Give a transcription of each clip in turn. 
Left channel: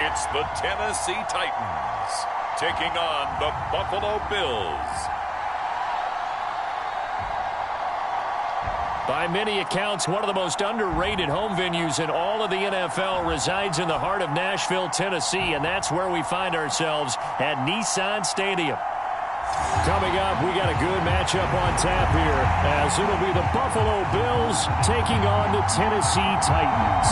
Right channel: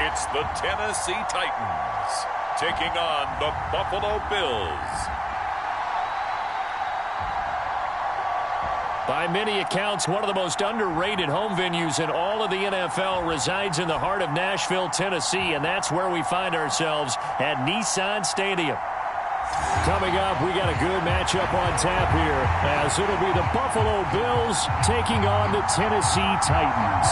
It's the Tennessee Titans taking on the Buffalo Bills. By many accounts, one of the most underrated home venues in all of the NFL resides in the heart of Nashville, Tennessee, and that's where we find ourselves at Nissan Stadium. Coming up, we got a good matchup on tap here, as it'll be the Buffalo Bills taking on the Tennessee Titans.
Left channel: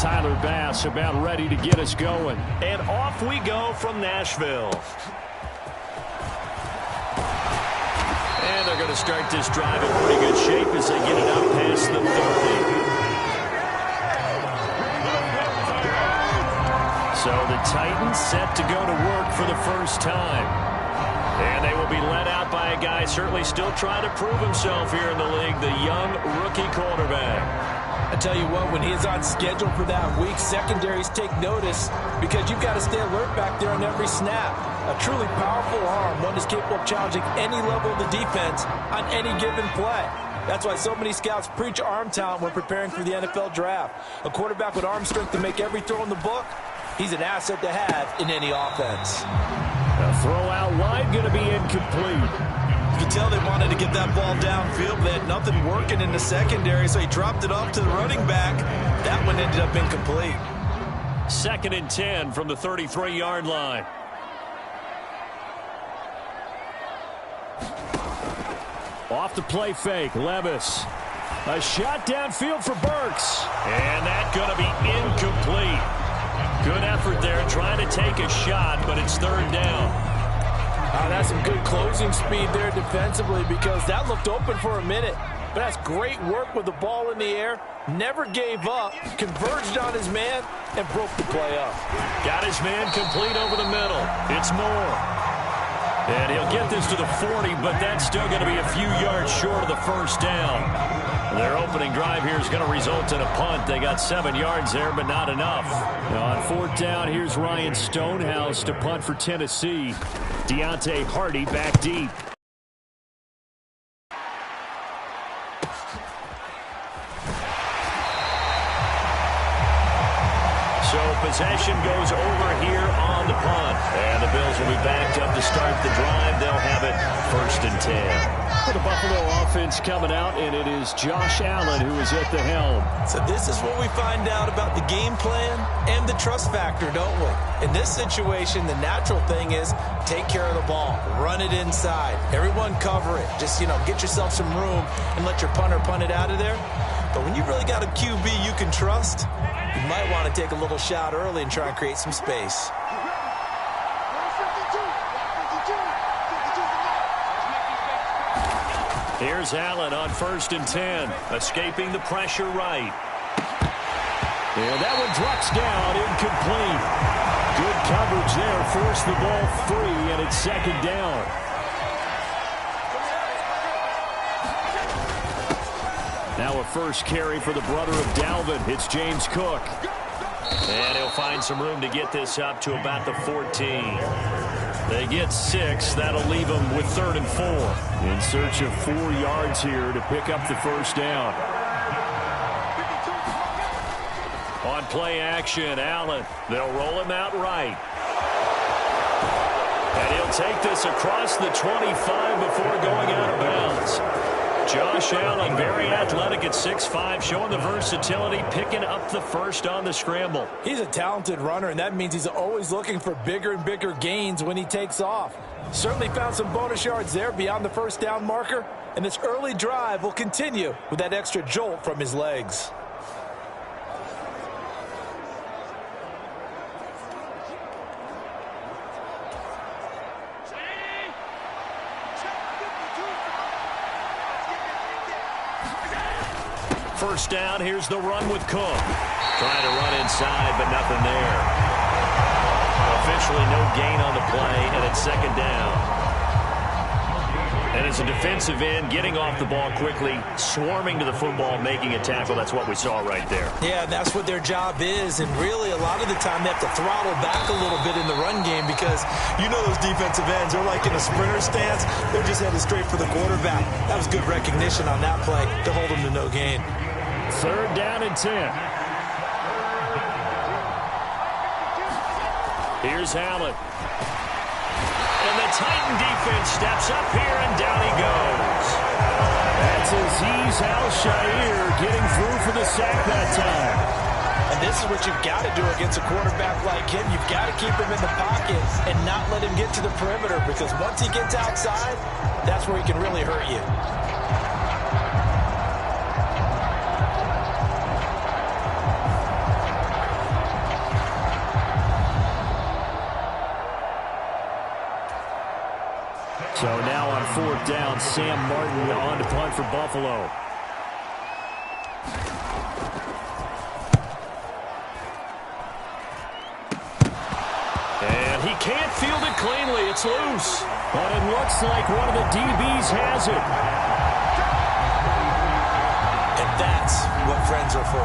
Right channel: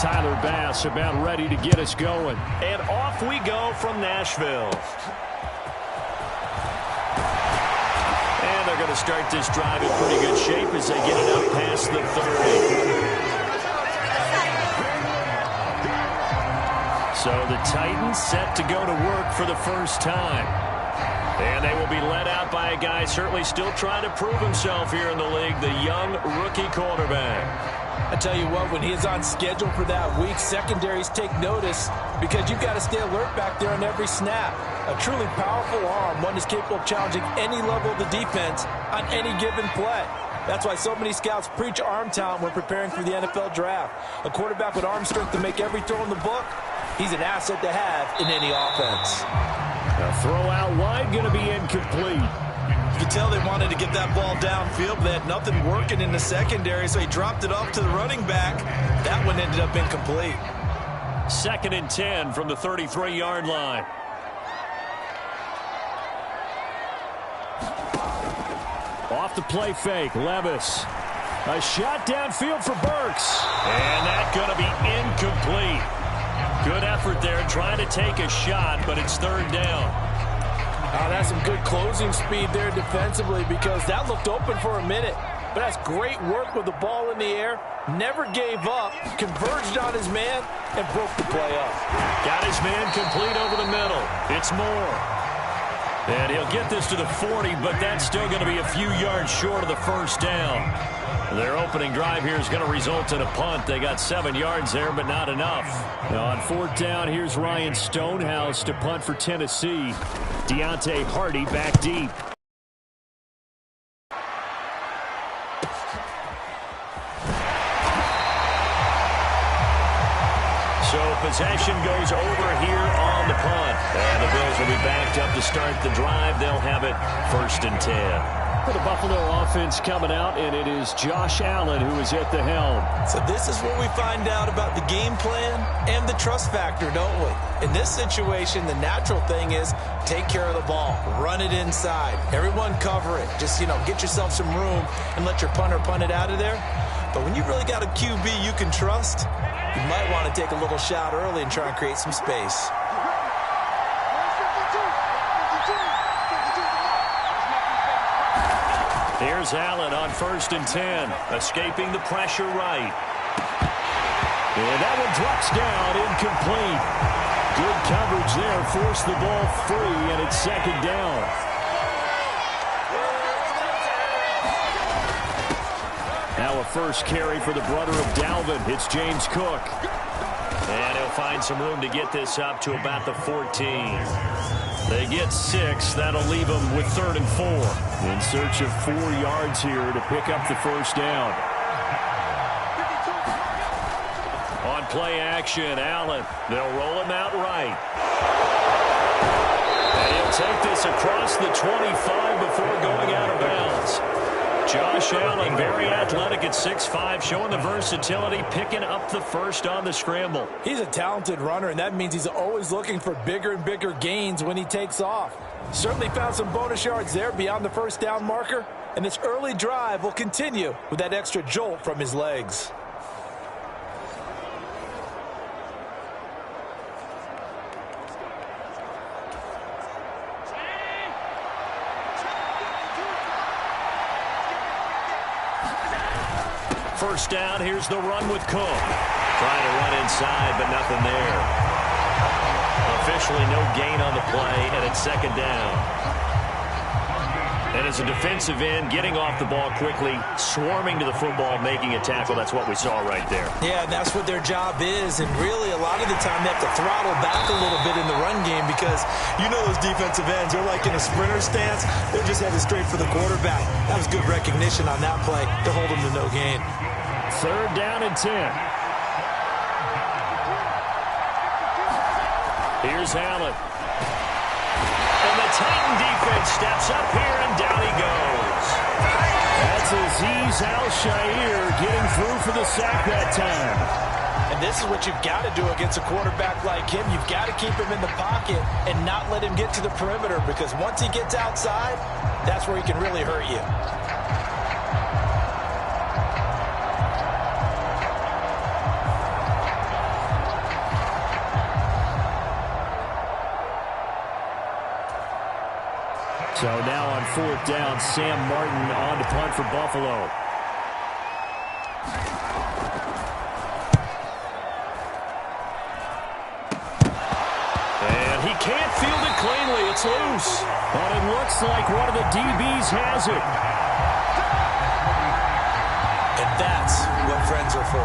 Tyler Bass about ready to get us going. And off we go from Nashville. And they're going to start this drive in pretty good shape as they get it up past the 30. So the Titans set to go to work for the first time. And they will be led out by a guy certainly still trying to prove himself here in the league, the young rookie quarterback. I tell you what, when he is on schedule for that week, secondaries take notice because you've got to stay alert back there on every snap. A truly powerful arm, one is capable of challenging any level of the defense on any given play. That's why so many scouts preach arm talent when preparing for the NFL draft. A quarterback with arm strength to make every throw in the book, he's an asset to have in any offense. A throw out wide going to be incomplete. You can tell they wanted to get that ball downfield, but they had nothing working in the secondary, so he dropped it off to the running back. That one ended up incomplete. 2nd and 10 from the 33-yard line. Off the play fake, Levis. A shot downfield for Burks. And that's going to be incomplete. Good effort there trying to take a shot, but it's 3rd down. Oh, that's some good closing speed there defensively because that looked open for a minute. But that's great work with the ball in the air. Never gave up, converged on his man, and broke the play up. Got his man complete over the middle. It's Moore. And he'll get this to the 40, but that's still going to be a few yards short of the first down. Their opening drive here is going to result in a punt. They got 7 yards there, but not enough. Now on 4th down, here's Ryan Stonehouse to punt for Tennessee. Deontay Hardy back deep. So possession goes over here on the punt. And the Bills will be backed up to start the drive. They'll have it 1st and 10. For the Buffalo offense coming out, and it is Josh Allen who is at the helm. So this is what we find out about the game plan and the trust factor, don't we? In this situation, the natural thing is take care of the ball. Run it inside. Everyone cover it. Just, get yourself some room and let your punter punt it out of there. But when you really got a QB you can trust, you might want to take a little shot early and try and create some space. Here's Allen on 1st and 10, escaping the pressure right. And that one drops down, incomplete. Good coverage there, forced the ball free, and it's 2nd down. Now a first carry for the brother of Dalvin. It's James Cook. And he'll find some room to get this up to about the 14. They get 6. That'll leave them with 3rd and 4. In search of 4 yards here to pick up the first down. On play action, Allen. They'll roll him out right. And he'll take this across the 25 before going out of bounds. Josh Allen, very athletic at 6'5", showing the versatility, picking up the first on the scramble. He's a talented runner, and that means he's always looking for bigger and bigger gains when he takes off. Certainly found some bonus yards there beyond the first down marker, and this early drive will continue with that extra jolt from his legs. First down, here's the run with Cook. Trying to run inside, but nothing there. Officially no gain on the play, and it's 2nd down. And as a defensive end, getting off the ball quickly, swarming to the football, making a tackle, that's what we saw right there. Yeah, and that's what their job is. And really, a lot of the time, they have to throttle back a little bit in the run game because you know those defensive ends, they're like in a sprinter stance. They're just headed straight for the quarterback. That was good recognition on that play to hold them to no gain. 3rd down and 10. Here's Allen. And the Titan defense steps up here, and down he goes. That's Azeez Al-Shaair getting through for the sack that time. And this is what you've got to do against a quarterback like him. You've got to keep him in the pocket and not let him get to the perimeter, because once he gets outside, that's where he can really hurt you. So now on 4th down, Sam Martin on to punt for Buffalo. And he can't field it cleanly. It's loose. But it looks like one of the DBs has it. And that's what friends are for.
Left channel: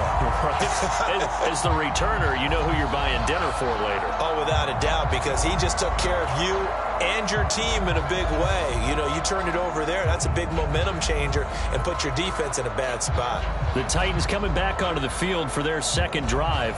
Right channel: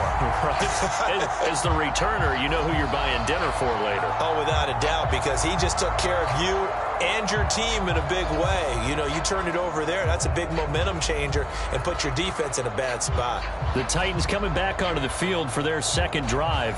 Right. As the returner, you know who you're buying dinner for later. Oh, without a doubt, because he just took care of you and your team in a big way. You know, you turn it over there, that's a big momentum changer and put your defense in a bad spot. The Titans coming back onto the field for their 2nd drive.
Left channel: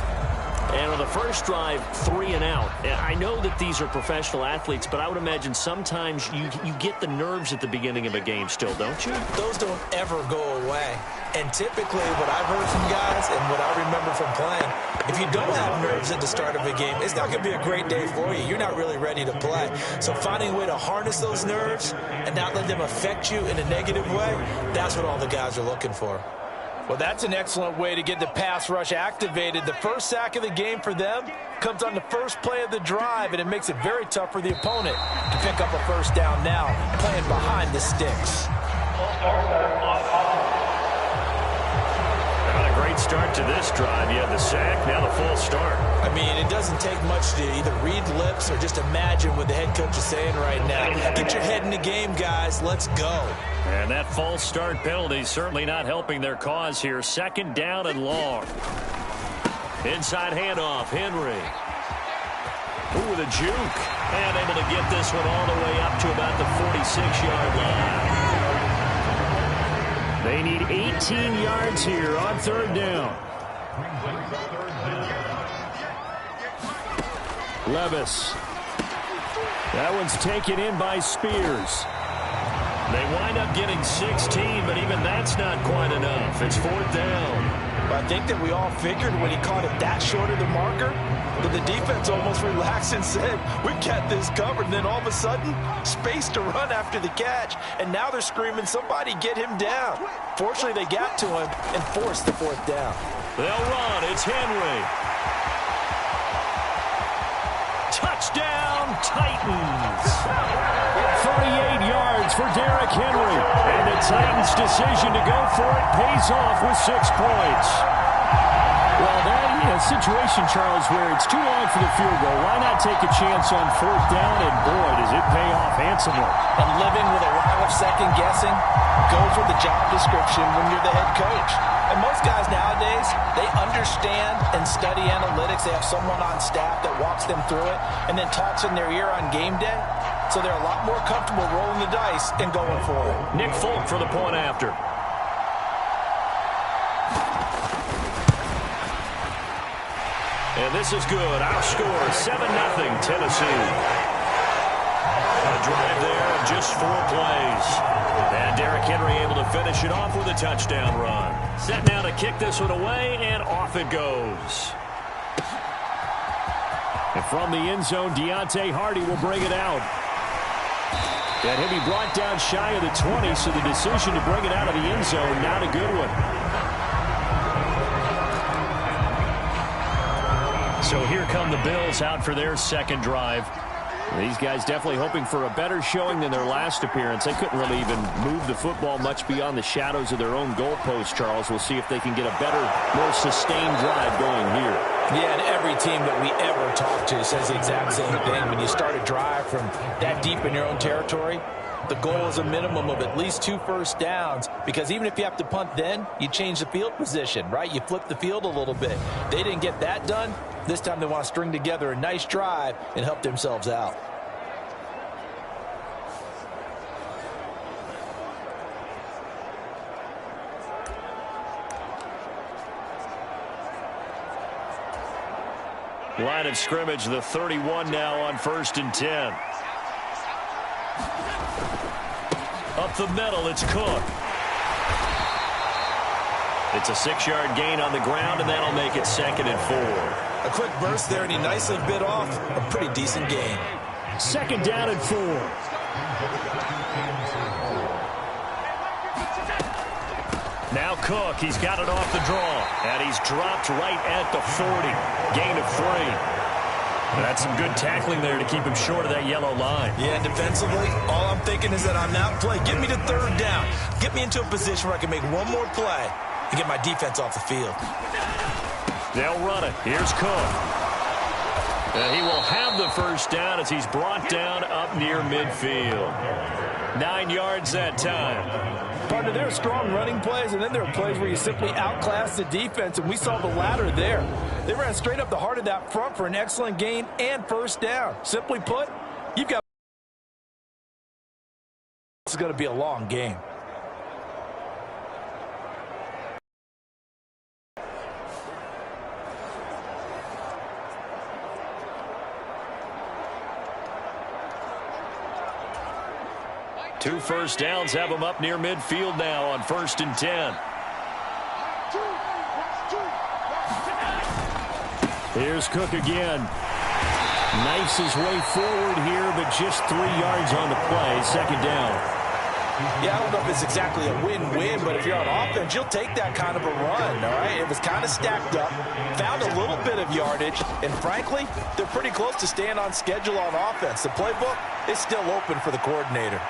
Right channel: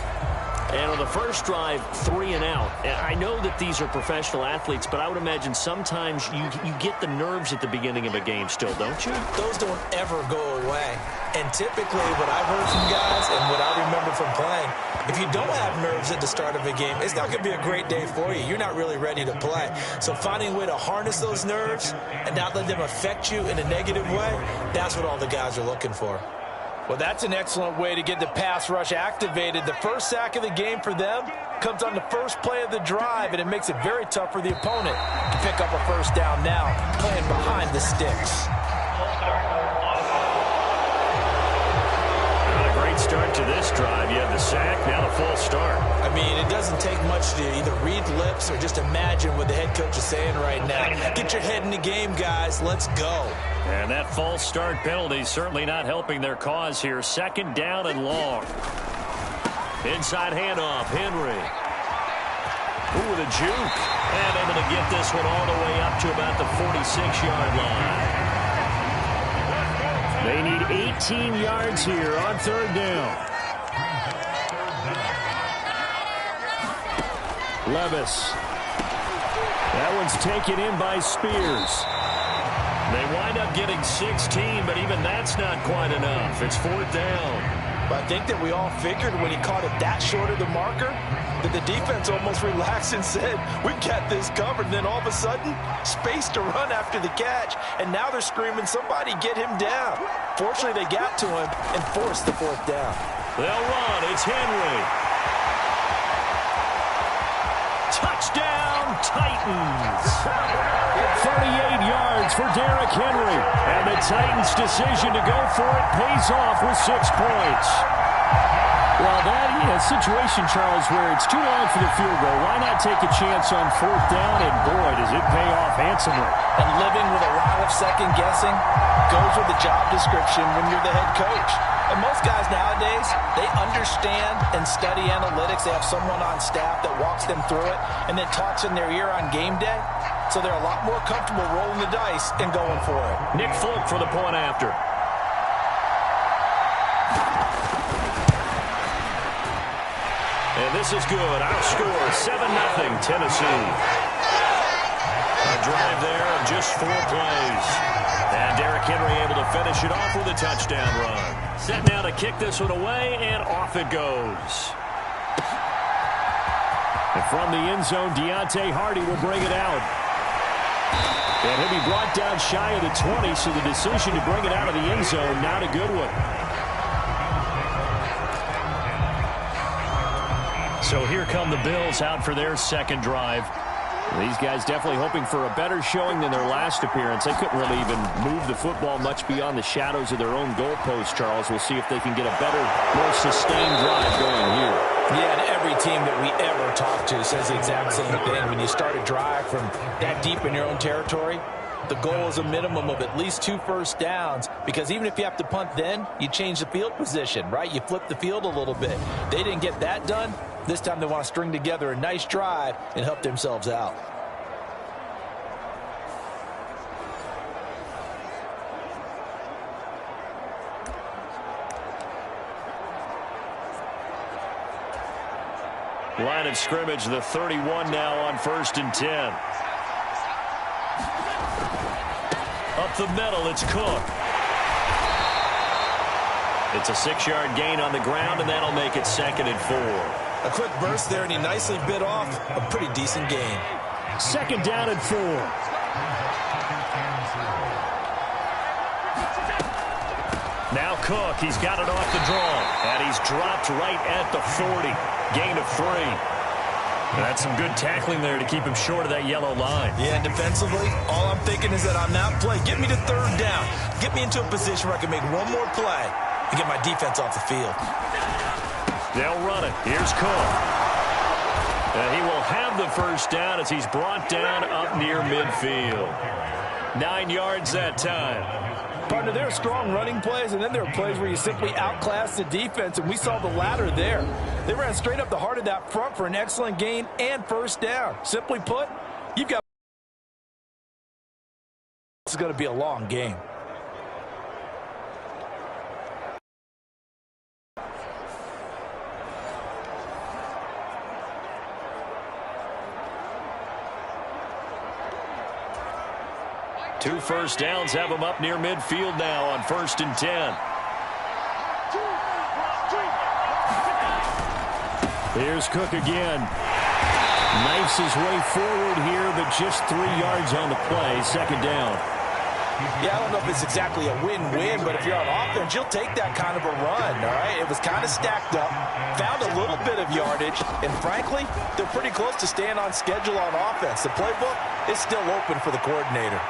And on the first drive, 3 and out. I know that these are professional athletes, but I would imagine sometimes you get the nerves at the beginning of a game still, don't you? Those don't ever go away. And typically what I've heard from guys and what I remember from playing, if you don't have nerves at the start of a game, it's not going to be a great day for you. You're not really ready to play. So finding a way to harness those nerves and not let them affect you in a negative way, that's what all the guys are looking for. Well, that's an excellent way to get the pass rush activated. The first sack of the game for them comes on the first play of the drive, and it makes it very tough for the opponent to pick up a 1st down now, playing behind the sticks. Not a great start to this drive. You had the sack, now the full start. I mean, it doesn't take much to either read lips or just imagine what the head coach is saying right now. Get your head in the game, guys. Let's go. And that false start penalty certainly not helping their cause here. 2nd down and long. Inside handoff, Henry. Ooh, with a juke. And able to get this one all the way up to about the 46-yard line. They need 18 yards here on 3rd down. Levis. That one's taken in by Spears. They wind up getting 16, but even that's not quite enough. It's 4th down. But I think that we all figured when he caught it that short of the marker that the defense almost relaxed and said, we got this covered. And then all of a sudden, space to run after the catch. And now they're screaming, somebody get him down. Fortunately, they got to him and forced the 4th down. They'll run. It's Henry. Touchdown, Titans. 38 yards for Derrick Henry. And the Titans' decision to go for it pays off with 6 points. Well, that situation, Charles, where it's too long for the field goal. Why not take a chance on 4th down? And, boy, does it pay off handsomely. And living with a lot of second guessing goes with the job description when you're the head coach. And most guys nowadays, they understand and study analytics. They have someone on staff that walks them through it and then talks in their ear on game day. So they're a lot more comfortable rolling the dice and going for it. Nick Folk for the point after. And this is good. Our score, 7-0 Tennessee. A drive there of just 4 plays. And Derrick Henry able to finish it off with a touchdown run. Set now to kick this one away, and off it goes. And from the end zone, Deontay Hardy will bring it out. And he'll be brought down shy of the 20, so the decision to bring it out of the end zone, not a good one. So here come the Bills out for their 2nd drive. These guys definitely hoping for a better showing than their last appearance. They couldn't really even move the football much beyond the shadows of their own goalpost, Charles. We'll see if they can get a better, more sustained drive going here. Yeah, and every team that we ever talk to says the exact same thing. When you start a drive from that deep in your own territory, The goal is a minimum of at least 2 first downs, because even if you have to punt then, you change the field position, right? You flip the field a little bit. They didn't get that done. This time they want to string together a nice drive and help themselves out. Line of scrimmage, the 31 now on 1st and 10. Up the middle, it's Cook. It's a 6-yard gain on the ground, and that'll make it 2nd and 4. A quick burst there, and he nicely bit off a pretty decent gain. 2nd down and 4. Now Cook, he's got it off the draw, and he's dropped right at the 40. Gain of 3. That's some good tackling there to keep him short of that yellow line. Yeah, and defensively, all I'm thinking is that on that play, get me to 3rd down. Get me into a position where I can make one more play and get my defense off the field. They'll run it. Here's Cook. And he will have the 1st down as he's brought down up near midfield. 9 yards that time. Partner, there are strong running plays, and then there are plays where you simply outclass the defense, and we saw the latter there. They ran straight up the heart of that front for an excellent gain and 1st down. Simply put, you've got... This is going to be a long game. Two 1st downs have him up near midfield now on 1st and 10. Here's Cook again. Knifes his way forward here, but just 3 yards on the play. 2nd down. Yeah, I don't know if it's exactly a win-win, but if you're on offense, you'll take that kind of a run, all right? It was kind of stacked up, found a little bit of yardage, and frankly, they're pretty close to staying on schedule on offense. The playbook is still open for the coordinator.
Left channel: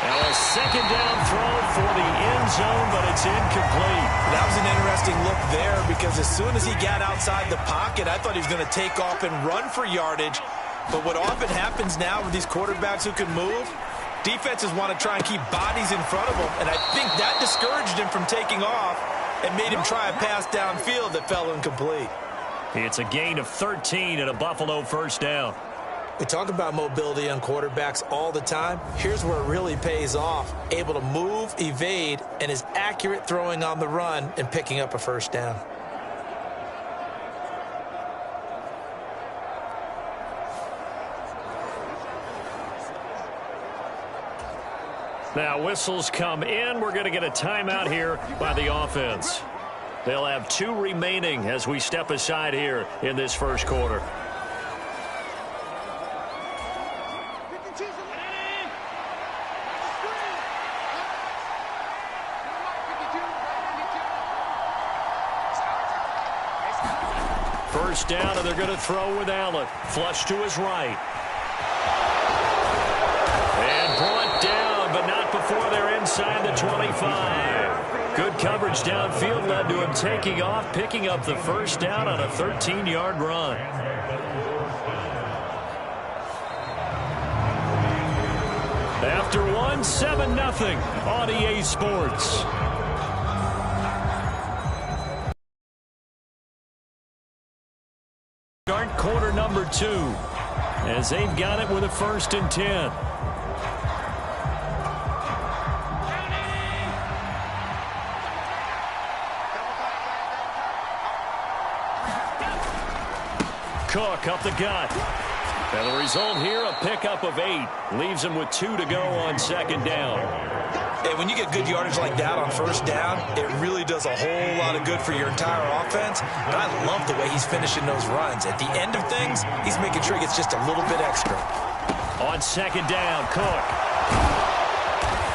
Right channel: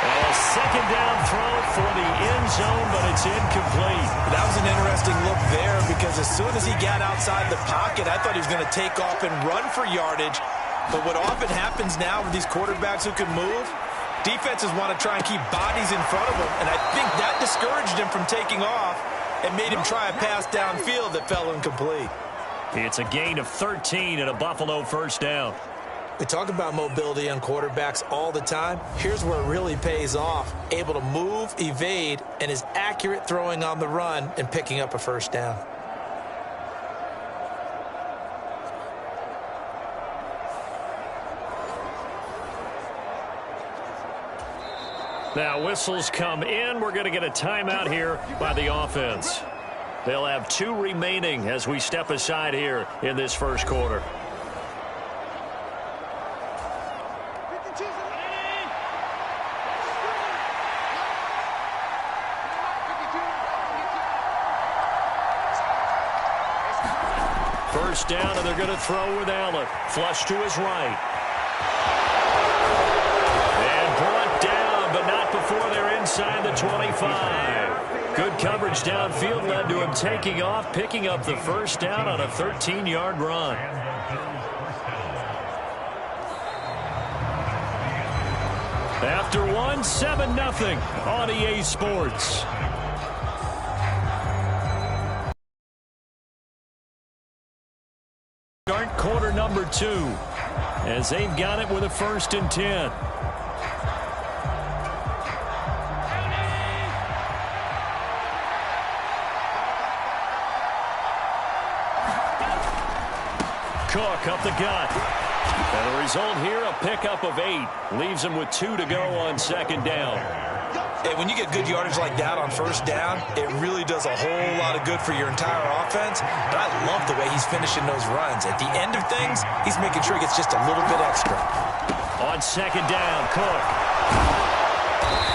Well, a 2nd down throw for the end zone, but it's incomplete. That was an interesting look there, because as soon as he got outside the pocket, I thought he was going to take off and run for yardage. But what often happens now with these quarterbacks who can move, defenses want to try and keep bodies in front of them, and I think that discouraged him from taking off and made him try a pass downfield that fell incomplete. It's a gain of 13 and a Buffalo 1st down. We talk about mobility on quarterbacks all the time. Here's where it really pays off. Able to move, evade, and is accurate throwing on the run and picking up a 1st down. Now whistles come in. We're going to get a timeout here by the offense. They'll have 2 remaining as we step aside here in this 1st quarter. First down, and they're going to throw with Allen. Flush to his right. And brought down, but not before they're inside the 25. Good coverage downfield led to him taking off, picking up the 1st down on a 13-yard run. After one, 7-0 on EA Sports. Start quarter number 2 as they've got it with a 1st and 10. Cook up the gut. And the result here, a pickup of 8. Leaves him with 2 to go on 2nd down. Hey, when you get good yardage like that on 1st down, it really does a whole lot of good for your entire offense. But I love the way he's finishing those runs. At the end of things, he's making sure he gets just a little bit extra. On 2nd down, Cook.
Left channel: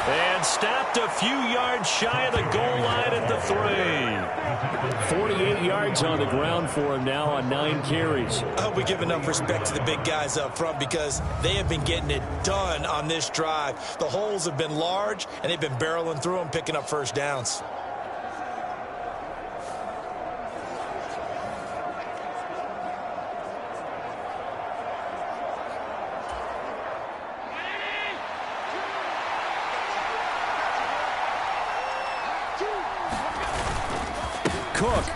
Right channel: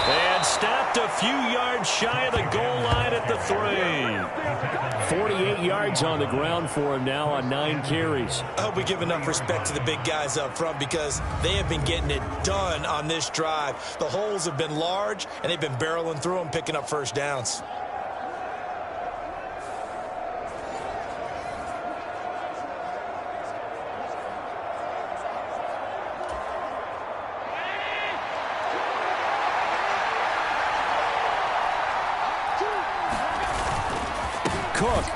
And stopped a few yards shy of the goal line at the 3. 48 yards on the ground for him now on 9 carries. I hope we give enough respect to the big guys up front, because they have been getting it done on this drive. The holes have been large, and they've been barreling through them, picking up 1st downs. Cook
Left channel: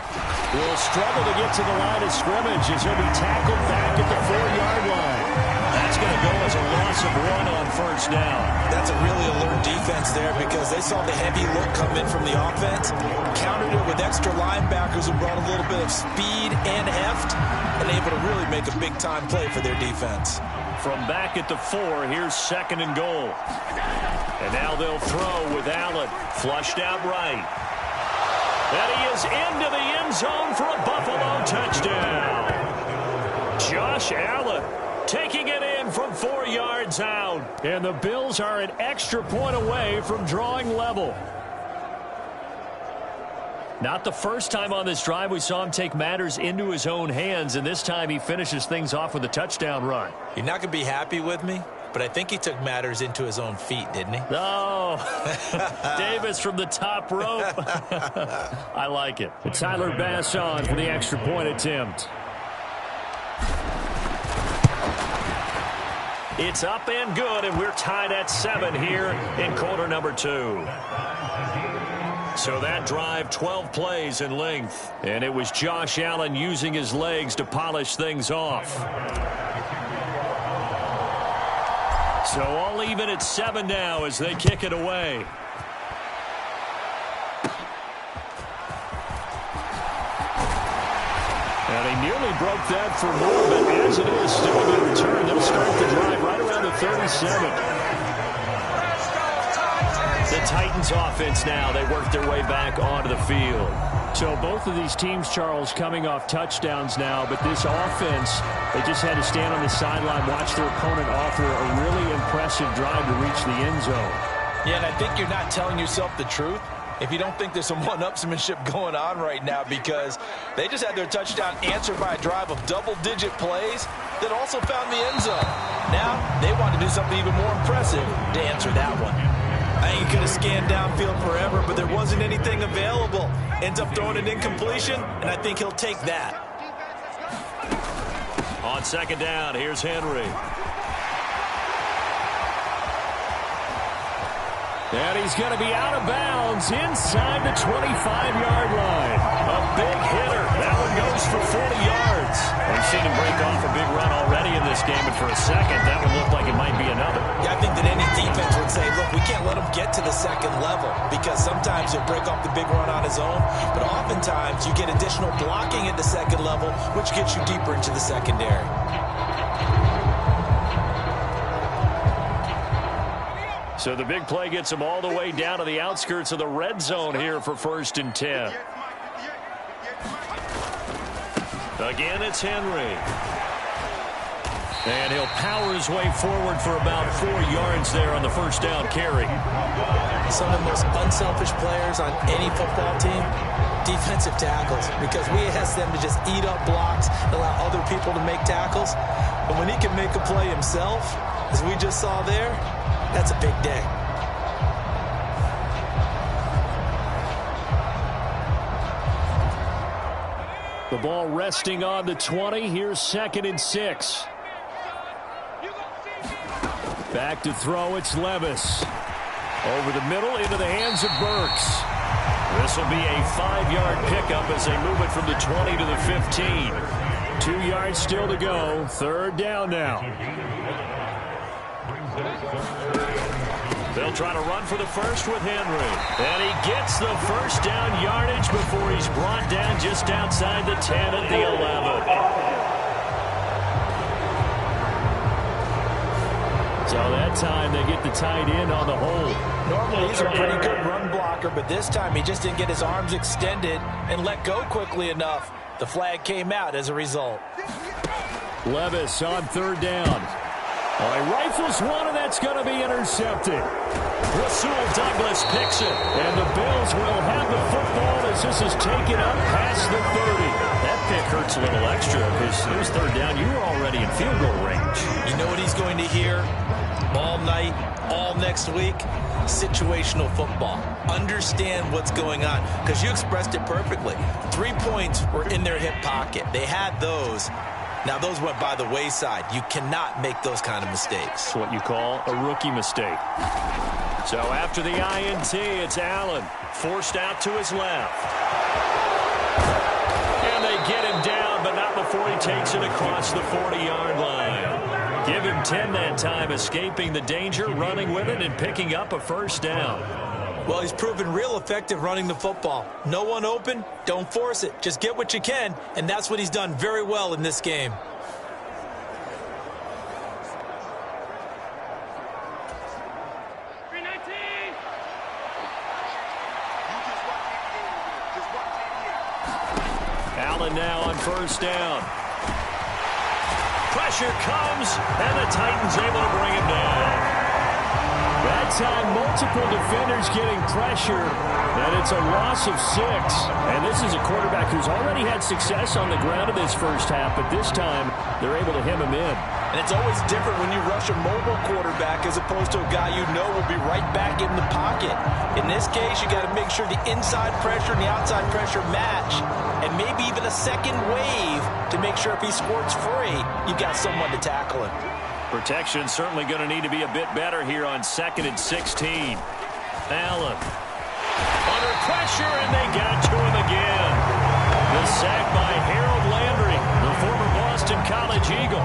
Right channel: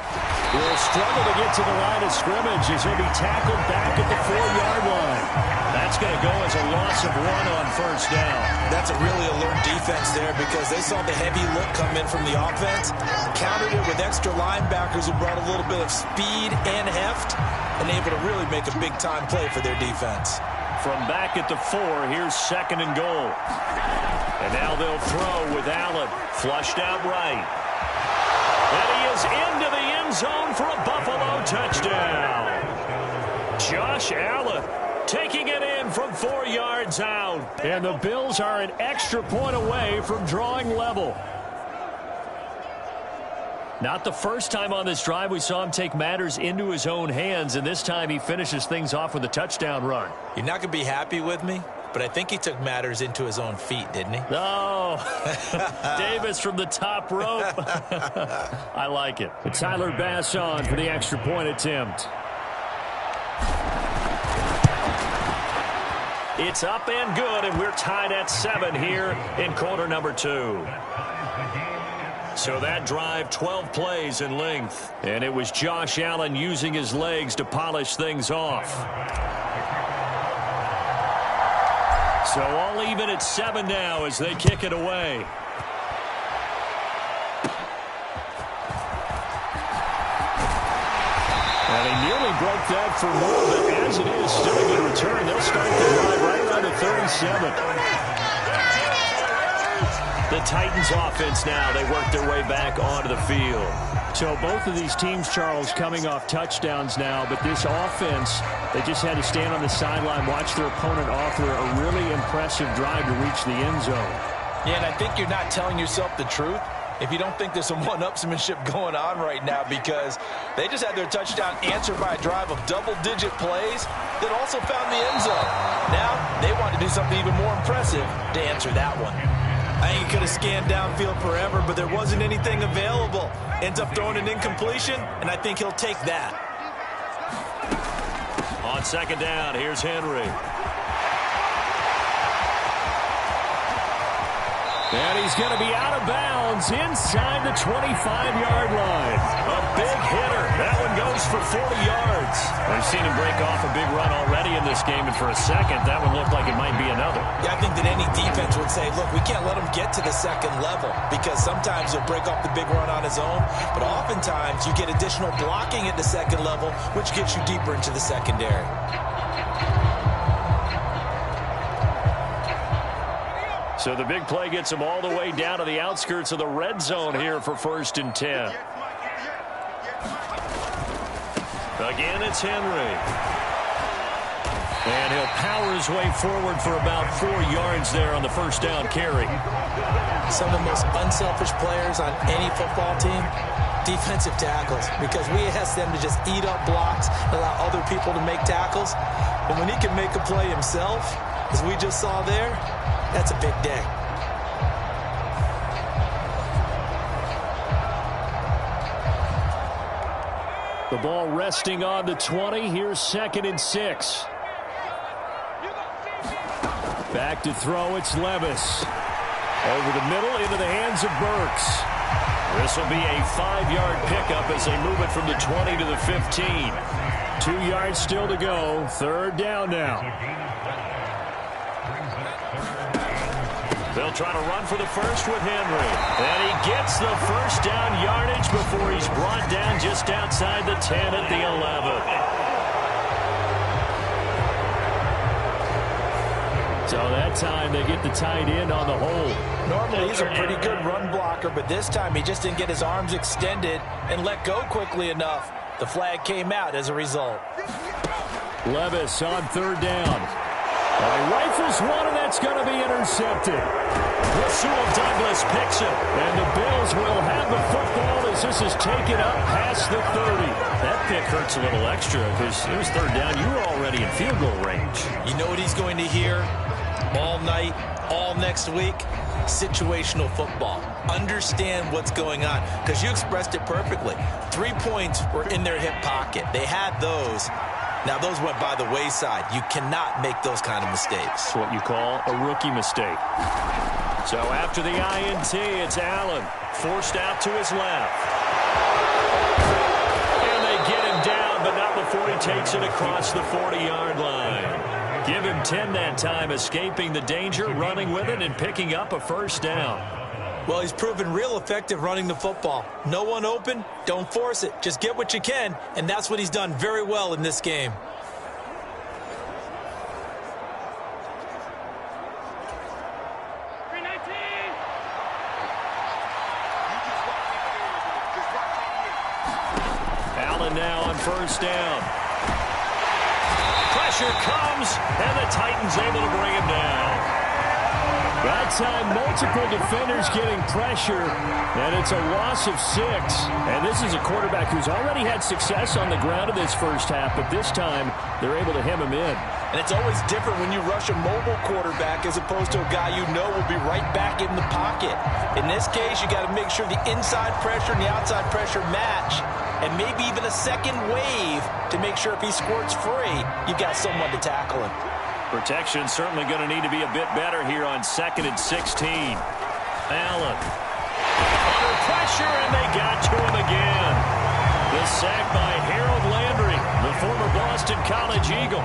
will struggle to get to the line of scrimmage as he'll be tackled back at the 4-yard line. That's going to go as a loss of 1 on first down. That's a really alert defense there because they saw the heavy look come in from the offense, countered it with extra linebackers who brought a little bit of speed and heft, and able to really make a big-time play for their defense. From back at the 4, here's 2nd and goal. And now they'll throw with Allen, flushed out right. And he is into the end zone for a Buffalo touchdown. Josh Allen taking it in from 4 yards out. And the Bills are an extra point away from drawing level. Not the first time on this drive we saw him take matters into his own hands, and this time he finishes things off with a touchdown run. You're not going to be happy with me, but I think he took matters into his own feet, didn't he? Oh, Davis from the top rope. I like it. Tyler Bass on for the extra point attempt. It's up and good, and we're tied at 7 here in quarter number 2. So that drive, 12 plays in length. And it was Josh Allen using his legs to polish things off. So all even at 7 now as they kick it away. And he nearly broke that for more, but as it is, still a good return. They'll start the drive right around the 37. The Titans offense now, they work their way back onto the field. So both of these teams, Charles, coming off touchdowns now, but this offense, they just had to stand on the sideline, watch their opponent offer a really impressive drive to reach the end zone. Yeah, and I think you're not telling yourself the truth if you don't think there's some one-upsmanship going on right now, because they just had their touchdown answered by a drive of double-digit plays that also found the end zone. Now they want to do something even more impressive to answer that one. I think he could have scanned downfield forever, but there wasn't anything available. Ends up throwing an incompletion, and I think he'll take that. On 2nd down, here's Henry. And he's going to be out of bounds inside the 25-yard line. A big hitter. That one goes for 40 yards. We've seen him break off a big run already in this game, and for a second, that one looked like it might be another. Yeah, I think that any defense would say, look, we can't let him get to the 2nd level, because sometimes he'll break off the big run on his own, but oftentimes you get additional blocking at the 2nd level, which gets you deeper into the secondary. So the big play gets him all the way down to the outskirts of the red zone here for 1st and 10. Again, it's Henry. And he'll power his way forward for about 4 yards there on the 1st down carry. Some of the most unselfish players on any football team, defensive tackles, because we ask them to just eat up blocks, allow other people to make tackles. But when he can make a play himself, as we just saw there, that's a big day. The ball resting on the 20. Here's 2nd and 6. Back to throw, it's Levis. Over the middle into the hands of Burks. This will be a 5-yard pickup as they move it from the 20 to the 15. 2 yards still to go. 3rd down now. They'll try to run for the first with Henry. And he gets the 1st down yardage before he's brought down just outside the 10 at the 11. So that time they get the tight end on the hold. Normally he's a pretty good run blocker, but this time he just didn't get his arms extended and let go quickly enough. The flag came out as a result. Levis on 3rd down. He rifles one, and that's going to be intercepted. Rasul Douglas picks it. And the Bills will have the football as this is taken up past the 30. That pick hurts a little extra because it was 3rd down. You were already in field goal range. You know what he's going to hear all night, all next week? Situational football. Understand what's going on, because you expressed it perfectly. 3 points were in their hip pocket. They had those. Now, those went by the wayside. You cannot make those kind of mistakes. It's what you call a rookie mistake. So after the INT, it's Allen, forced out to his left. not before he takes it across the 40-yard line. Give him 10 that time, escaping the danger, running with it, and picking up a first down. Well, he's proven real effective running the football. No one open, don't force it. Just get what you can, and that's what he's done very well in this game. Allen now on first down. Pressure comes, and the Titans able to bring him down. That time, multiple defenders getting pressure, and it's a loss of 6. And this is a quarterback who's already had success on the ground in this first half, but this time they're able to hem him in. And it's always different when you rush a mobile quarterback as opposed to a guy you know will be right back in the pocket. In this case, you got to make sure the inside pressure and the outside pressure match, and maybe even a second wave to make sure if he squirts free, you've got someone to tackle him. Protection certainly going to need to be a bit better here on 2nd and 16. Allen under pressure, and they got to him again. The sack by Harold Landry, the former Boston College Eagle.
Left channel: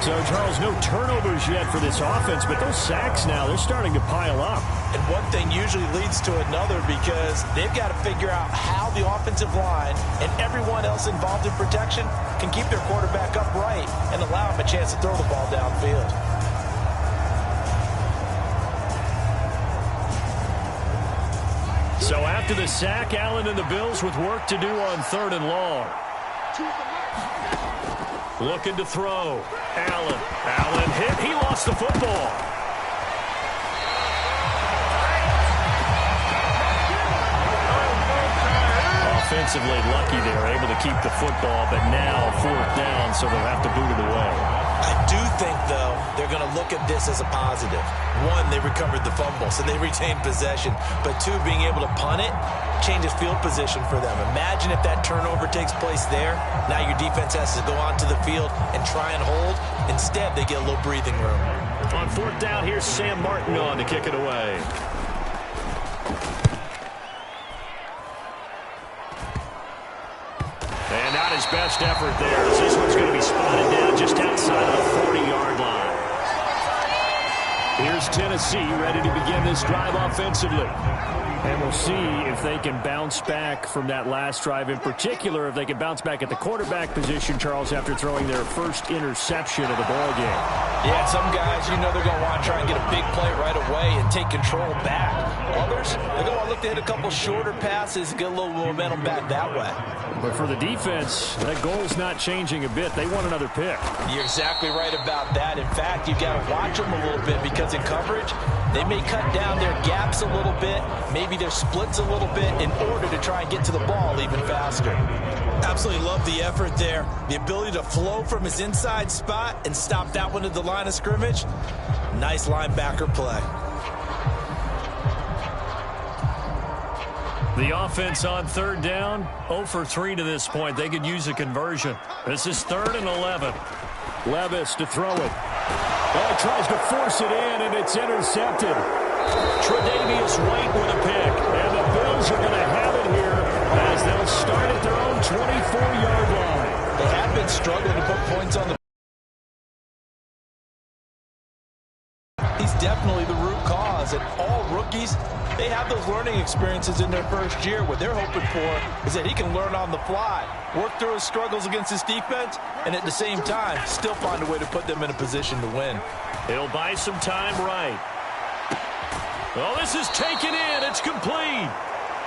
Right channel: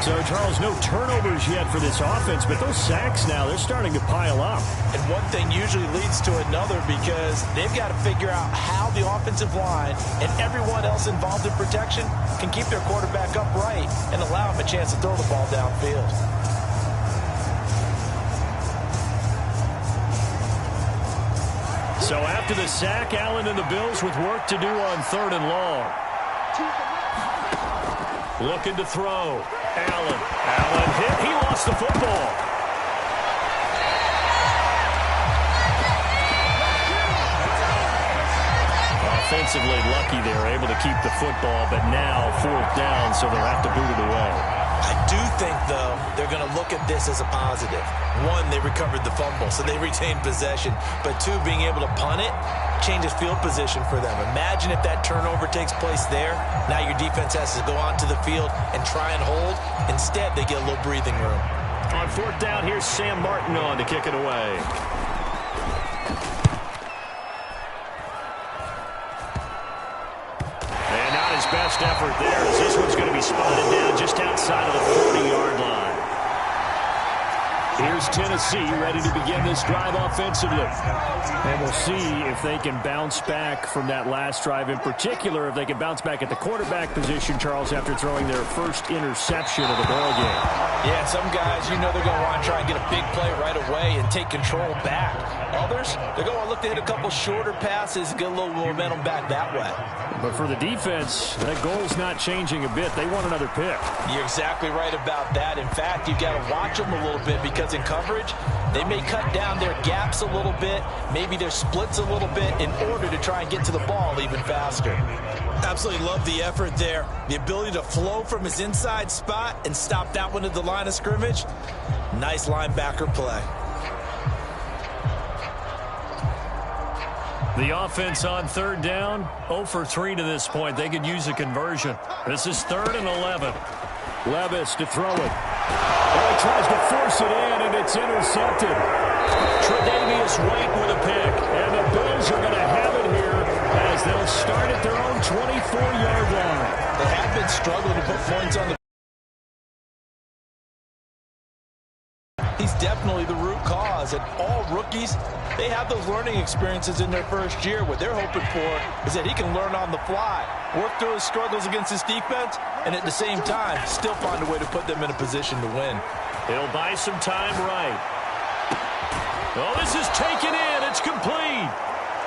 So, Charles, no turnovers yet for this offense, but those sacks now, they're starting to pile up. And one thing usually leads to another because they've got to figure out how the offensive line and everyone else involved in protection can keep their quarterback upright and allow him a chance to throw the ball downfield. So after the sack, Allen and the Bills with work to do on 3rd and long. Looking to throw. Allen hit. He lost the football. Offensively lucky they're able to keep the football, but now 4th down, so they'll have to boot it away. I do think, though, they're going to look at this as a positive. 1, they recovered the fumble, so they retained possession. But 2, being able to punt it changes field position for them. Imagine if that turnover takes place there. Now your defense has to go onto the field and try and hold. Instead, they get a little breathing room. On 4th down, here's Sam Martin on to kick it away. And not his best effort there, as this one's going to be spotted down just outside of the 40-yard line. Here's Tennessee ready to begin this drive offensively. And we'll see if they can bounce back from that last drive, in particular if they can bounce back at the quarterback position, Charles, after throwing their first interception of the ball game. Yeah, and some guys, you know they're going to want to try and get a big play right away and take control back. Others, they're going to look to hit a couple shorter passes and get a little momentum back that way. But for the defense, that goal's not changing a bit. They want another pick. You're exactly right about that. In fact, you've got to watch them a little bit because in coverage, they may cut down their gaps a little bit, maybe their splits a little bit in order to try and get to the ball even faster. Absolutely love the effort there. The ability to flow from his inside spot and stop that one at the line of scrimmage. Nice linebacker play. The offense on 3rd down, 0 for 3 to this point. They could use a conversion. This is 3rd and 11. Levis to throw it. Oh, he tries to force it in, and it's intercepted. Tre'Davious White with a pick. And the Bills are going to have it here as they'll start at their own 24-yard line. They have been struggling to put points on the. He's definitely the root cause, and all rookies, they have those learning experiences in their first year. What they're hoping for is that he can learn on the fly, work through his struggles against his defense, and at the same time, still find a way to put them in a position to win. He'll buy some time right. Oh, this is taken in. It's complete.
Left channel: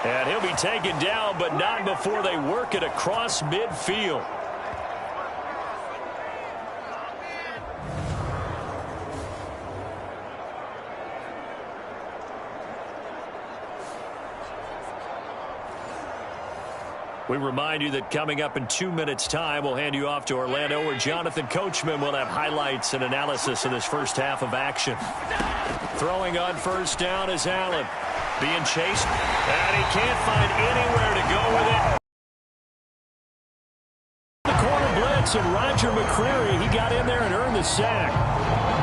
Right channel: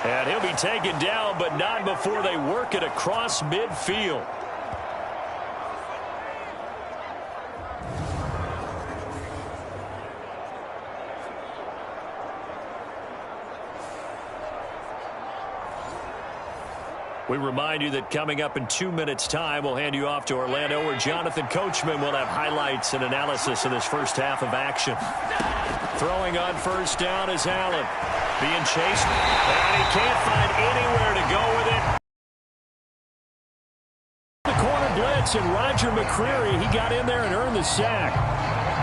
And he'll be taken down, but not before they work it across midfield. We remind you that coming up in 2 minutes' time, we'll hand you off to Orlando, where Jonathan Coachman will have highlights and analysis of this first half of action. Throwing on 1st down is Allen. Being chased, and he can't find anywhere to go with it. The corner blitz, and Roger McCreary, he got in there and earned the sack.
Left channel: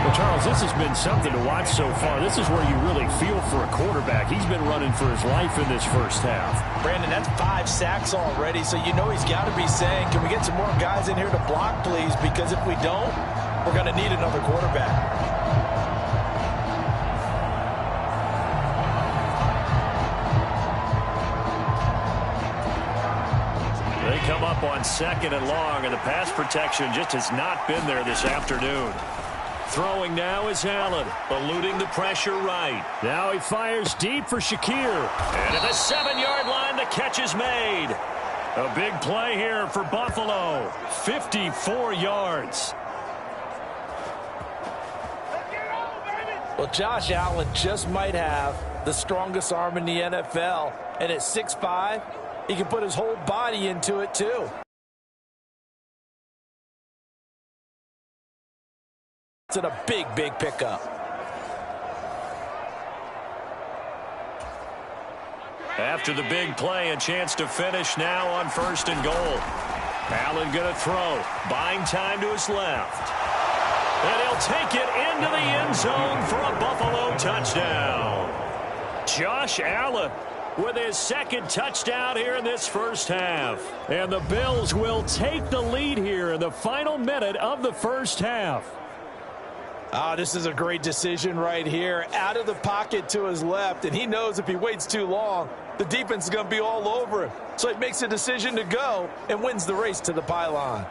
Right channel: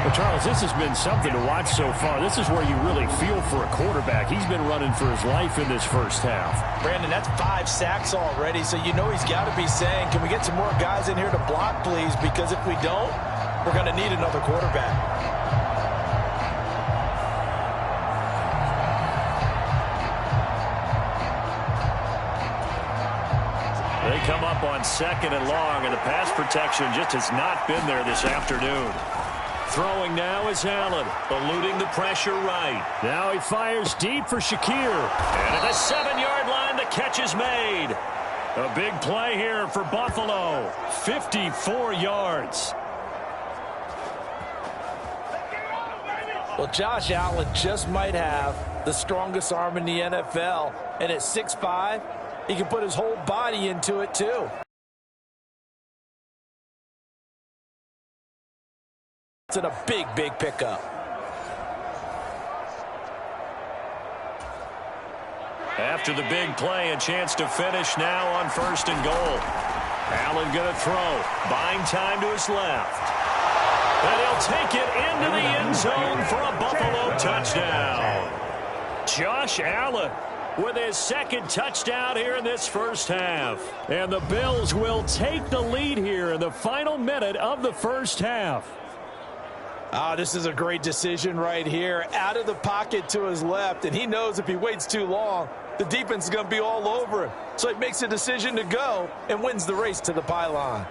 Well, Charles, this has been something to watch so far. This is where you really feel for a quarterback. He's been running for his life in this first half. Brandon, that's 5 sacks already, so you know he's got to be saying, can we get some more guys in here to block, please? Because if we don't, we're going to need another quarterback. They come up on 2nd and long, and the pass protection just has not been there this afternoon. Throwing now is Allen, eluding the pressure right. Now he fires deep for Shakir. And at the 7-yard line, the catch is made. A big play here for Buffalo. 54 yards. Well, Josh Allen just might have the strongest arm in the NFL, and at 6'5", he can put his whole body into it, too. It's a big, big pickup. After the big play, a chance to finish now on 1st and goal. Allen going to throw. Buying time to his left. And he'll take it into the end zone for a Buffalo touchdown. Josh Allen with his 2nd touchdown here in this first half. And the Bills will take the lead here in the final minute of the first half. This is a great decision right here. Out of the pocket to his left, and he knows if he waits too long, the defense is going to be all over him. So he makes a decision to go and wins the race to the pylon.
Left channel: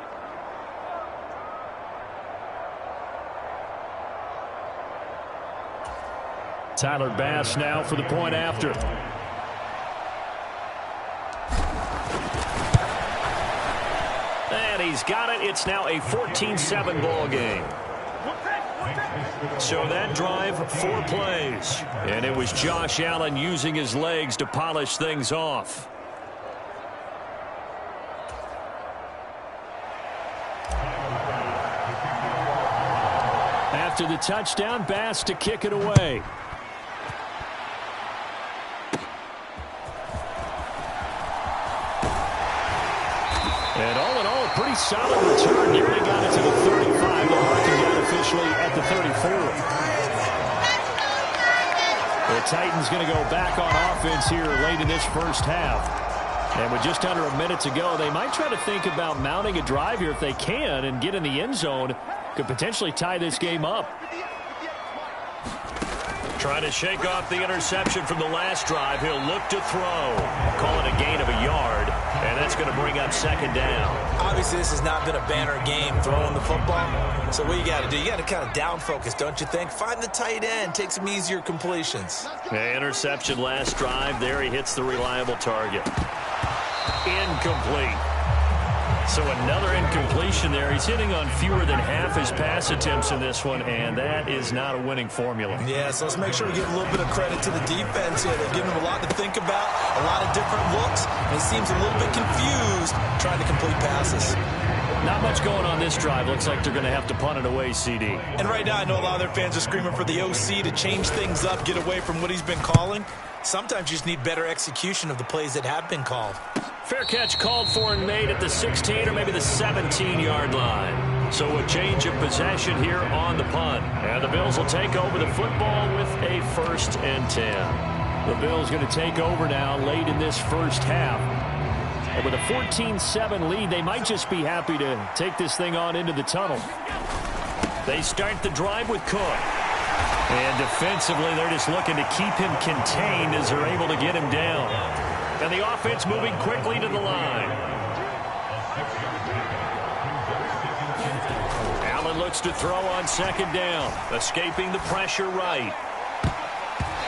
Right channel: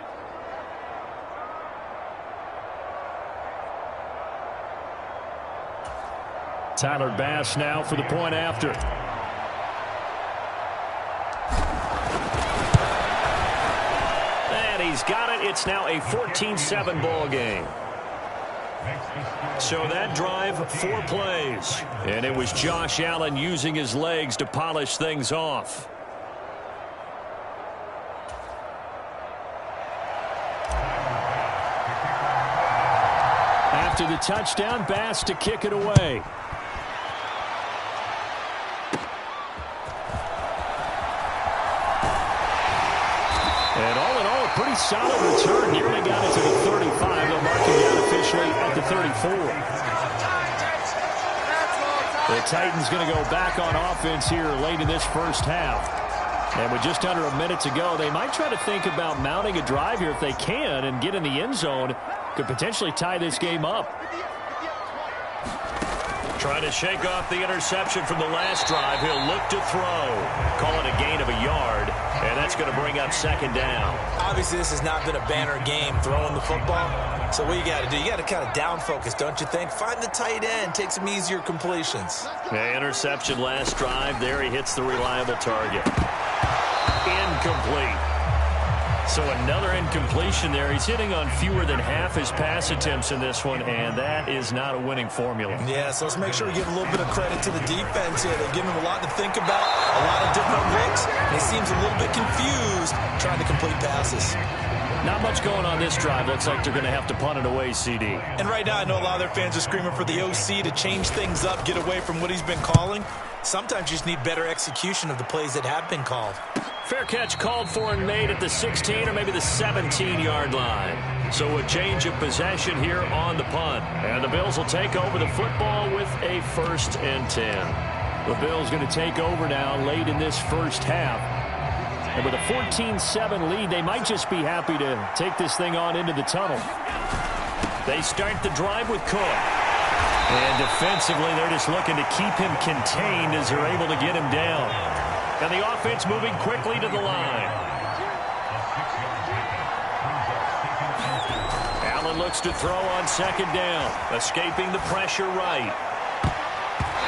Tyler Bass now for the point after. And he's got it. It's now a 14-7 ball game. So that drive, 4 plays. And it was Josh Allen using his legs to polish things off. After the touchdown, Bass to kick it away. And all in all, a pretty solid return. Nearly got it to the 35. The marking down officially at the 34. The Titans going to go back on offense here late in this first half. And with just under a minute to go, they might try to think about mounting a drive here if they can and get in the end zone. Could potentially tie this game up. Trying to shake off the interception from the last drive. He'll look to throw. Call it a gain of a yard. And that's going to bring up 2nd down. Obviously, this has not been a banner game throwing the football. So what you got to do, you got to kind of down focus, don't you think? Find the tight end. Take some easier completions. Yeah, interception last drive. There he hits the reliable target. Incomplete. So another incompletion there. He's hitting on fewer than half his pass attempts in this one, and that is not a winning formula. Yeah, so let's make sure we give a little bit of credit to the defense here. They've given him a lot to think about, a lot of different looks, and he seems a little bit confused trying to complete passes. Not much going on this drive. Looks like they're going to have to punt it away, CD. And right now I know a lot of their fans are screaming for the OC to change things up, get away from what he's been calling. Sometimes you just need better execution of the plays that have been called. Fair catch called for and made at the 16 or maybe the 17-yard line. So a change of possession here on the punt. And the Bills will take over the football with a 1st and 10. The Bills going to take over now late in this first half. And with a 14-7 lead, they might just be happy to take this thing on into the tunnel. They start the drive with Cook. And defensively, they're just looking to keep him contained as they're able to get him down. And the offense moving quickly to the line. Allen looks to throw on 2nd down. Escaping the pressure right.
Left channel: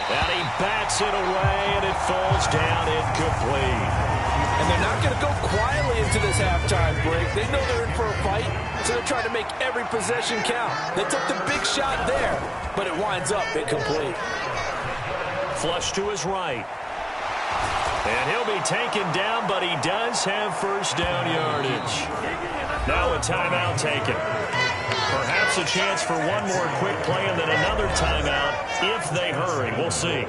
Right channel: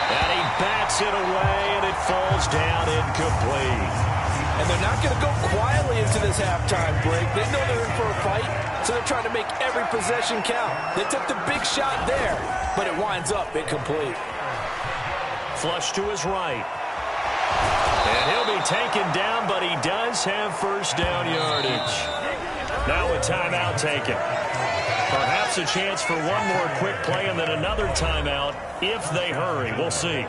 And he bats it away, and it falls down incomplete. And they're not going to go quietly into this halftime break. They know they're in for a fight, so they're trying to make every possession count. They took the big shot there, but it winds up incomplete. Flush to his right. And he'll be taken down, but he does have 1st down yardage. Now a timeout taken. Perhaps a chance for one more quick play and then another timeout if they hurry. We'll see.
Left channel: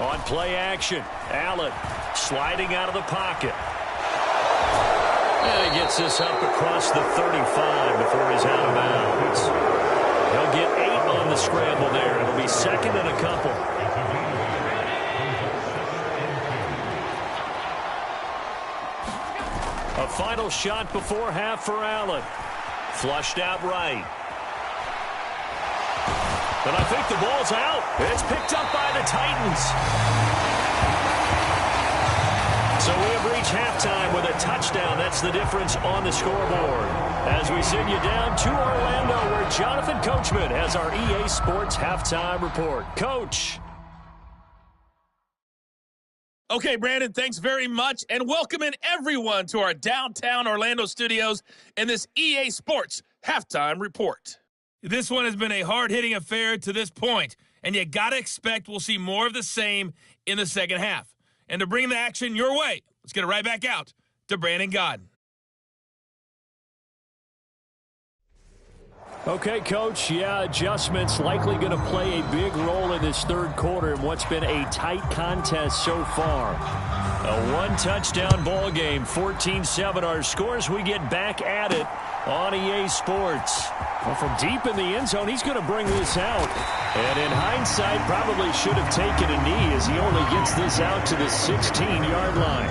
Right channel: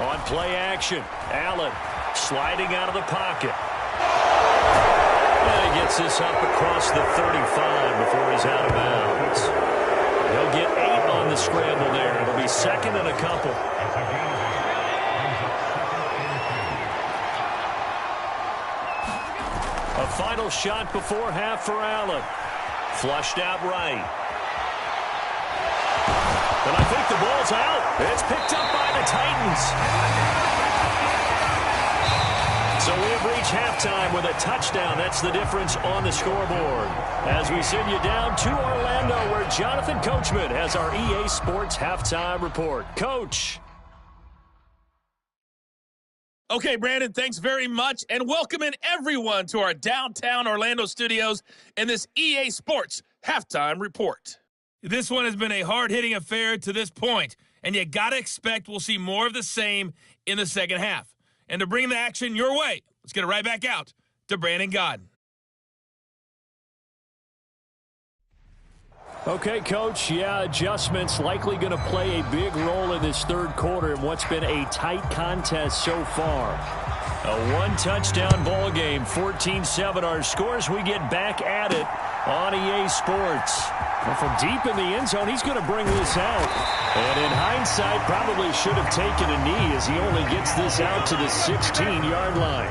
On play action, Allen sliding out of the pocket. And he gets this up across the 35 before he's out of bounds. He'll get 8 on the scramble there. It'll be second and a couple. A final shot before half for Allen. Flushed out right. And I think the ball's out. It's picked up by the Titans. So we have reached halftime with a touchdown. That's the difference on the scoreboard. As we send you down to Orlando, where Jonathan Coachman has our EA Sports Halftime Report. Coach. Okay, Brandon, thanks very much, and welcome in everyone to our downtown Orlando studios and this EA Sports Halftime Report. This one has been a hard-hitting affair to this point, and you got to expect we'll see more of the same in the second half. And to bring the action your way, let's get it right back out to Brandon Godden. Okay, Coach, adjustments likely going to play a big role in this third quarter in what's been a tight contest so far. A one-touchdown ball game, 14-7 our scores. We get back at it on EA Sports. Well, from deep in the end zone, he's going to bring this out. And in hindsight, probably should have taken a knee as he only gets this out to the 16-yard line.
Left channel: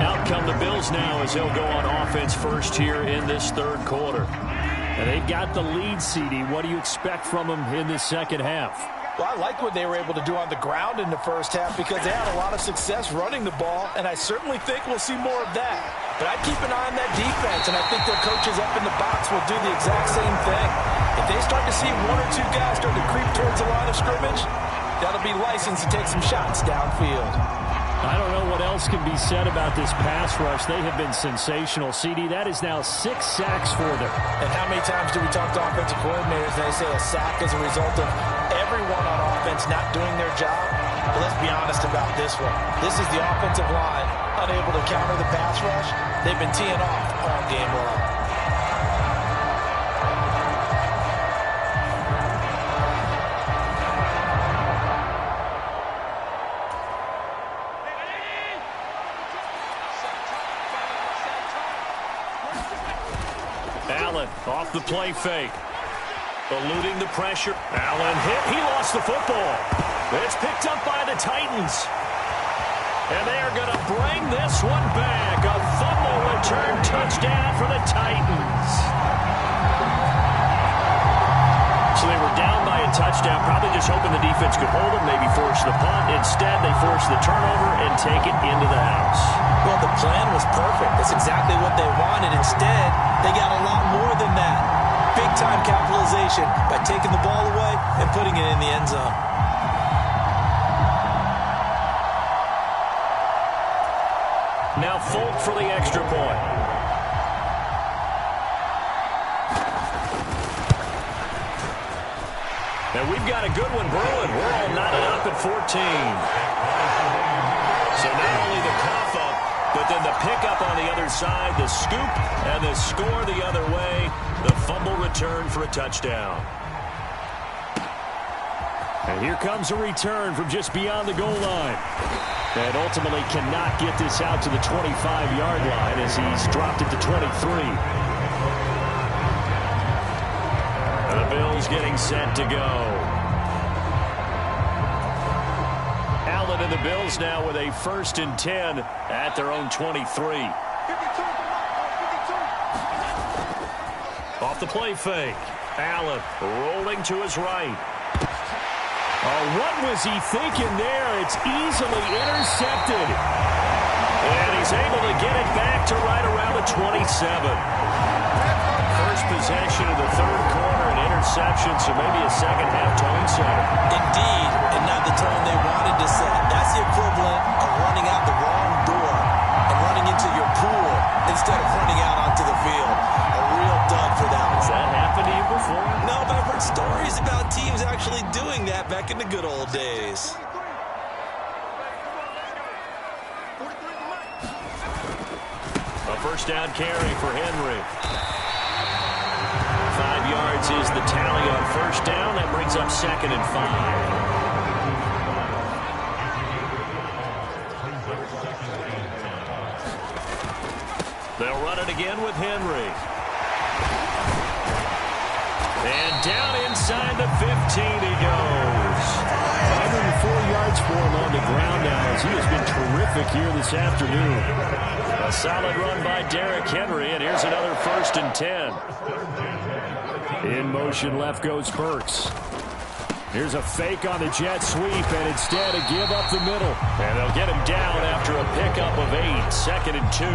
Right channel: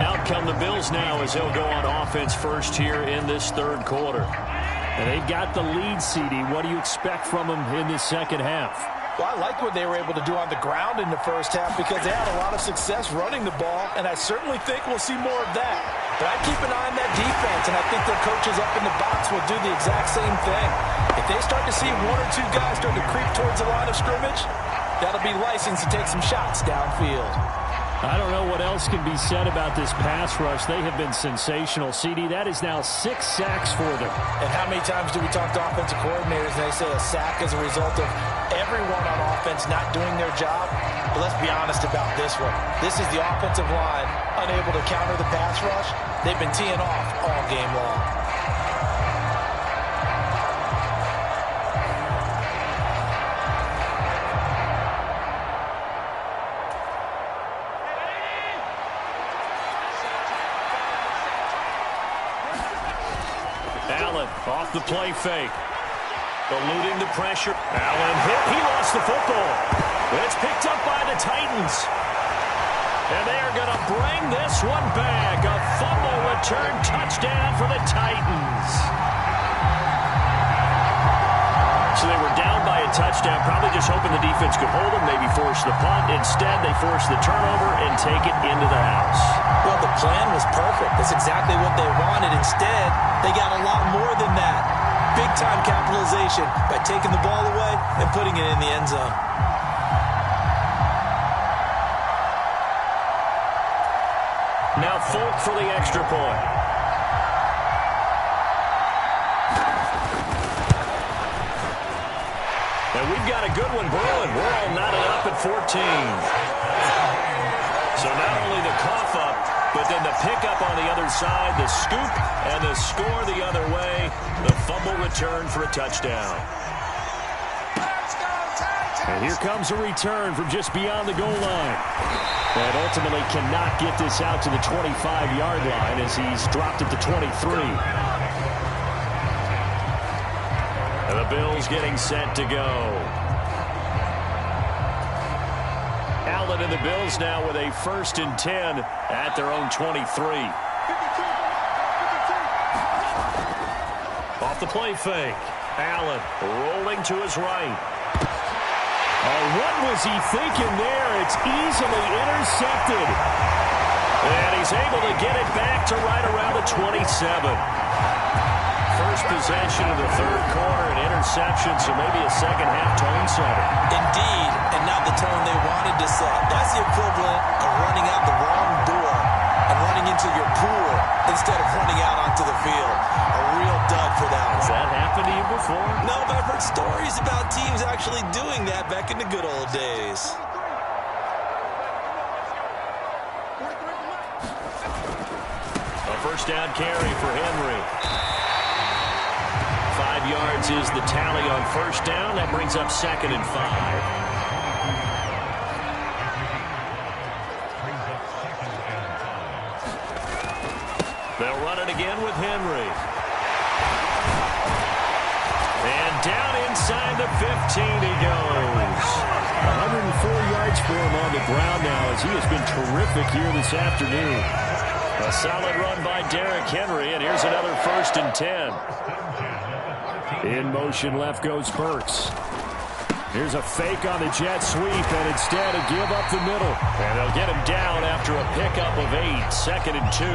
Out come the Bills now as they'll go on offense first here in this third quarter. And they've got the lead, CD. What do you expect from them in this second half? Well, I like what they were able to do on the ground in the first half because they had a lot of success running the ball, and I certainly think we'll see more of that. But I'd keep an eye on that defense, and I think their coaches up in the box will do the exact same thing. If they start to see one or two guys start to creep towards the line of scrimmage, that'll be license to take some shots downfield. I don't know what else can be said about this pass rush. They have been sensational. CD, that is now 6 sacks for them. And how many times do we talk to offensive coordinators and they say a sack is a result of everyone on offense not doing their job? But let's be honest about this one. This is the offensive line unable to counter the pass rush. They've been teeing off all game long. Allen off the play fake. Eluding the pressure. Allen hit. He lost the football. It's picked up by the Titans. And they are going to bring this one back. A fumble return touchdown for the Titans. So they were down by a touchdown, probably just hoping the defense could hold them, maybe force the punt. Instead, they forced the turnover and take it into the house. Well, the plan was perfect. That's exactly what they wanted. Instead, they got a lot more than that. Big-time capitalization by taking the ball away and putting it in the end zone. Now Folk for the extra point. And we've got a good one brewing. We're all knotted up at 14. So not only the cough up, but then the pickup on the other side, the scoop, and the score the other way. The fumble return for a touchdown. And here comes a return from just beyond the goal line. And ultimately cannot get this out to the 25-yard line as he's dropped it to 23. And the Bills getting set to go. Allen and the Bills now with a 1st and 10 at their own 23. Off the play fake. Allen rolling to his right. Oh, what was he thinking there? It's easily intercepted. And he's able to get it back to right around the 27. First possession of the third quarter, an interception, so maybe a second-half tone setter. Indeed, and not the tone they wanted to set. That's the equivalent of running out the wrong door and running into your pool instead of running out onto the field. A real dud for that one. Has that happened to you before? No, but I've heard stories about teams actually doing that back in the good old days. A first down carry for Henry. 5 yards is the tally on first down. That brings up 2nd and 5. They'll run it again with Henry. And down inside the 15 he goes. 104 yards for him on the ground now as he has been terrific here this afternoon. A solid run by Derrick Henry, and here's another 1st and 10. In motion left goes Burks. Here's a fake on the jet sweep, and instead a give up the middle. And they'll get him down after a pickup of 8, 2nd and 2.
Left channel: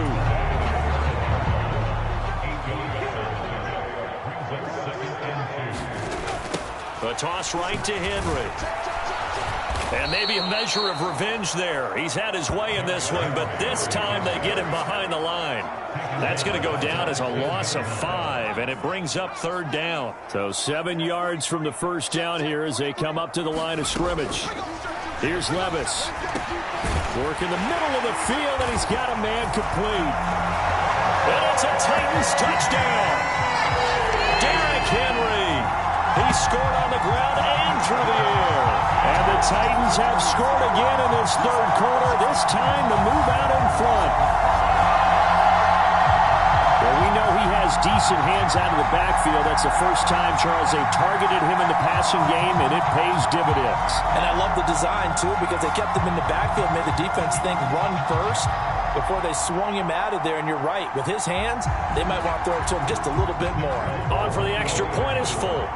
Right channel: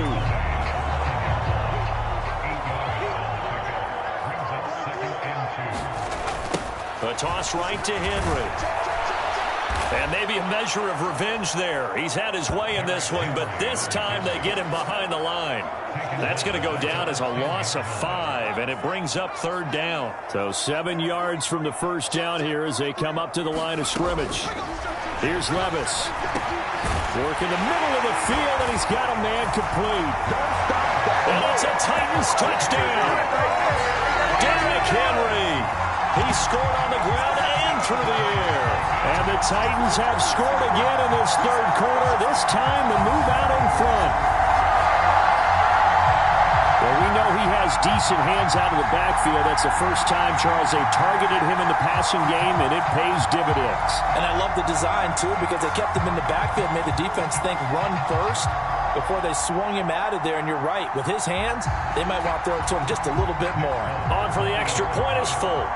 A toss right to Henry. And maybe a measure of revenge there. He's had his way in this one, but this time they get him behind the line. That's going to go down as a loss of 5, and it brings up 3rd down. So 7 yards from the 1st down here as they come up to the line of scrimmage. Here's Levis. Work in the middle of the field, and he's got a man complete. And it's a Titans touchdown. Derrick Henry. He scored on the ground and through the air. And the Titans have scored again in this 3rd quarter, this time to move out in front. Well, we know he has decent hands out of the backfield. That's the first time, Charles, they've targeted him in the passing game, and it pays dividends. And I love the design, too, because they kept him in the backfield, made the defense think run first before they swung him out of there. And you're right, with his hands, they might want to throw it to him just a little bit more. On for the extra point is Folk.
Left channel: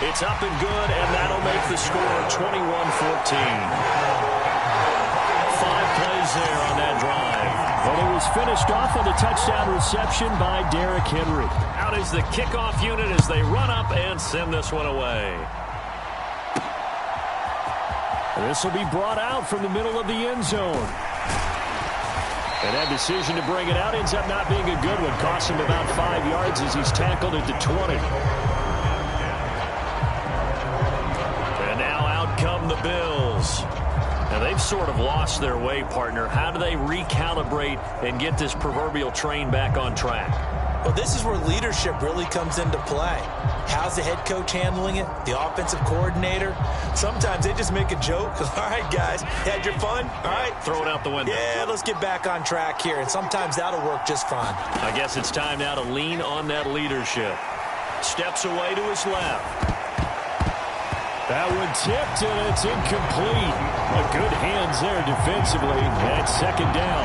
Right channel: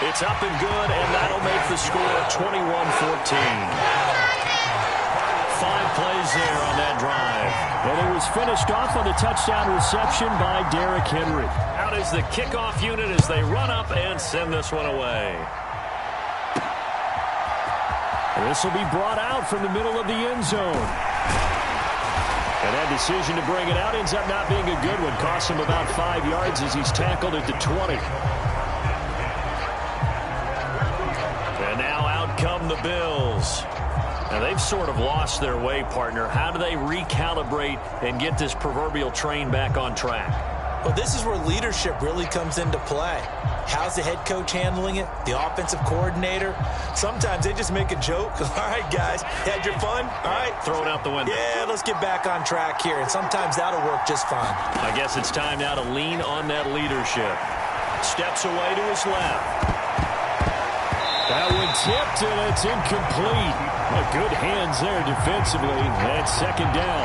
It's up and good, and that'll make the score 21-14. 5 plays there on that drive. And it was finished off on the touchdown reception by Derrick Henry. Out is the kickoff unit as they run up and send this one away. And this will be brought out from the middle of the end zone. And that decision to bring it out ends up not being a good one. Costs him about 5 yards as he's tackled at the 20. And now out come the Bills. Now they've sort of lost their way, partner. How do they recalibrate and get this proverbial train back on track? Well, this is where leadership really comes into play. How's the head coach handling it? The offensive coordinator? Sometimes they just make a joke. All right, guys, had your fun? All right. Throw it out the window. Yeah, let's get back on track here. And sometimes that'll work just fine. I guess it's time now to lean on that leadership. Steps away to his left. That one tipped, and it's incomplete. Well, good hands there defensively. That's 2nd down.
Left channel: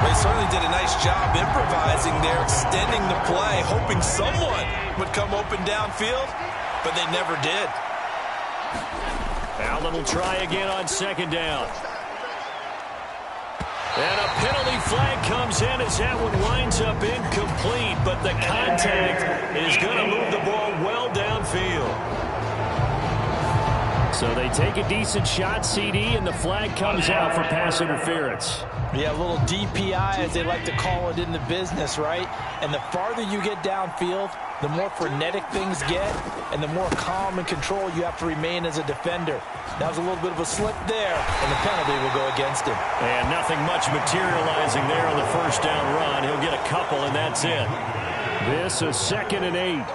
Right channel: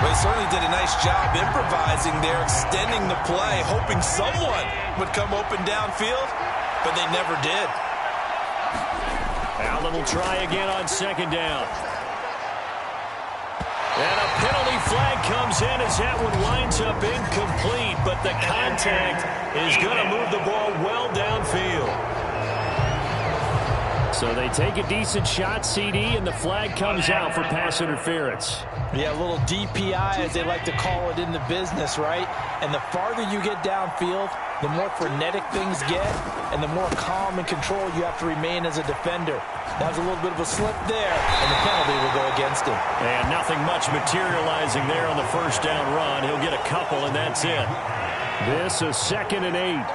They certainly did a nice job improvising there, extending the play, hoping someone would come open downfield, but they never did. Allen will try again on 2nd down. And a penalty flag comes in as that one winds up incomplete, but the contact is going to move the ball well downfield. So they take a decent shot, CD, and the flag comes out for pass interference. Yeah, a little DPI, as they like to call it in the business, right? And the farther you get downfield, the more frenetic things get, and the more calm and control you have to remain as a defender. That was a little bit of a slip there, and the penalty will go against him. And nothing much materializing there on the 1st down run. He'll get a couple, and that's it. This is 2nd and 8.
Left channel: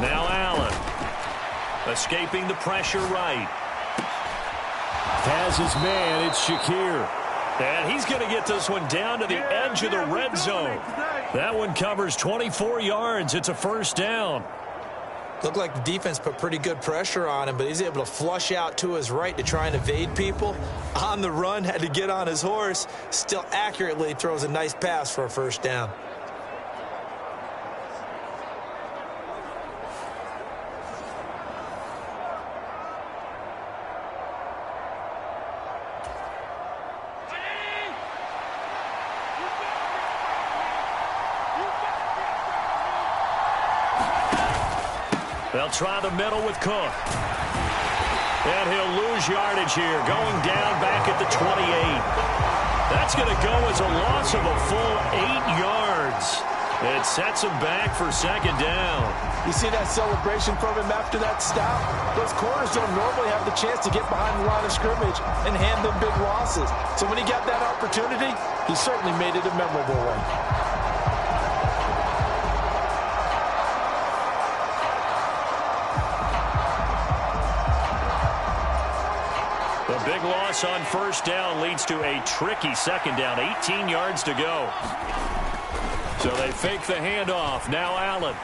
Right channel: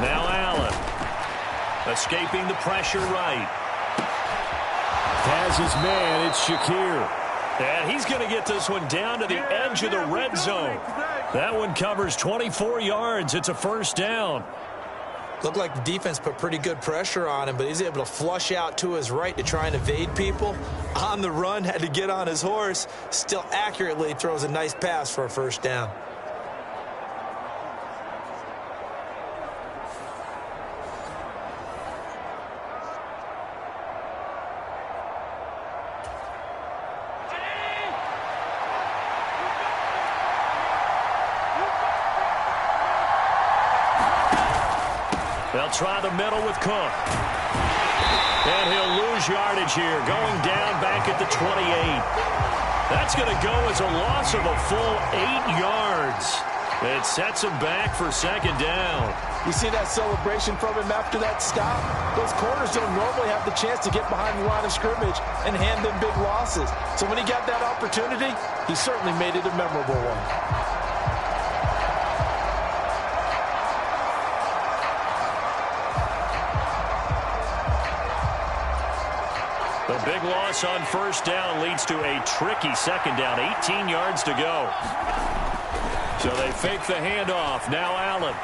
Now Allen. Escaping the pressure right. Has his man, it's Shakir. And he's going to get this one down to the edge of the red zone. That one covers 24 yards. It's a 1st down. Looked like the defense put pretty good pressure on him, but he's able to flush out to his right to try and evade people. On the run, had to get on his horse. Still accurately throws a nice pass for a 1st down. They'll try the middle with Cook. And he'll lose yardage here, going down back at the 28. That's going to go as a loss of a full 8 yards. It sets him back for 2nd down. You see that celebration from him after that stop? Those corners don't normally have the chance to get behind the line of scrimmage and hand them big losses. So when he got that opportunity, he certainly made it a memorable one. The big loss on first down leads to a tricky second down. 18 yards to go. So they fake the handoff. Now Allen.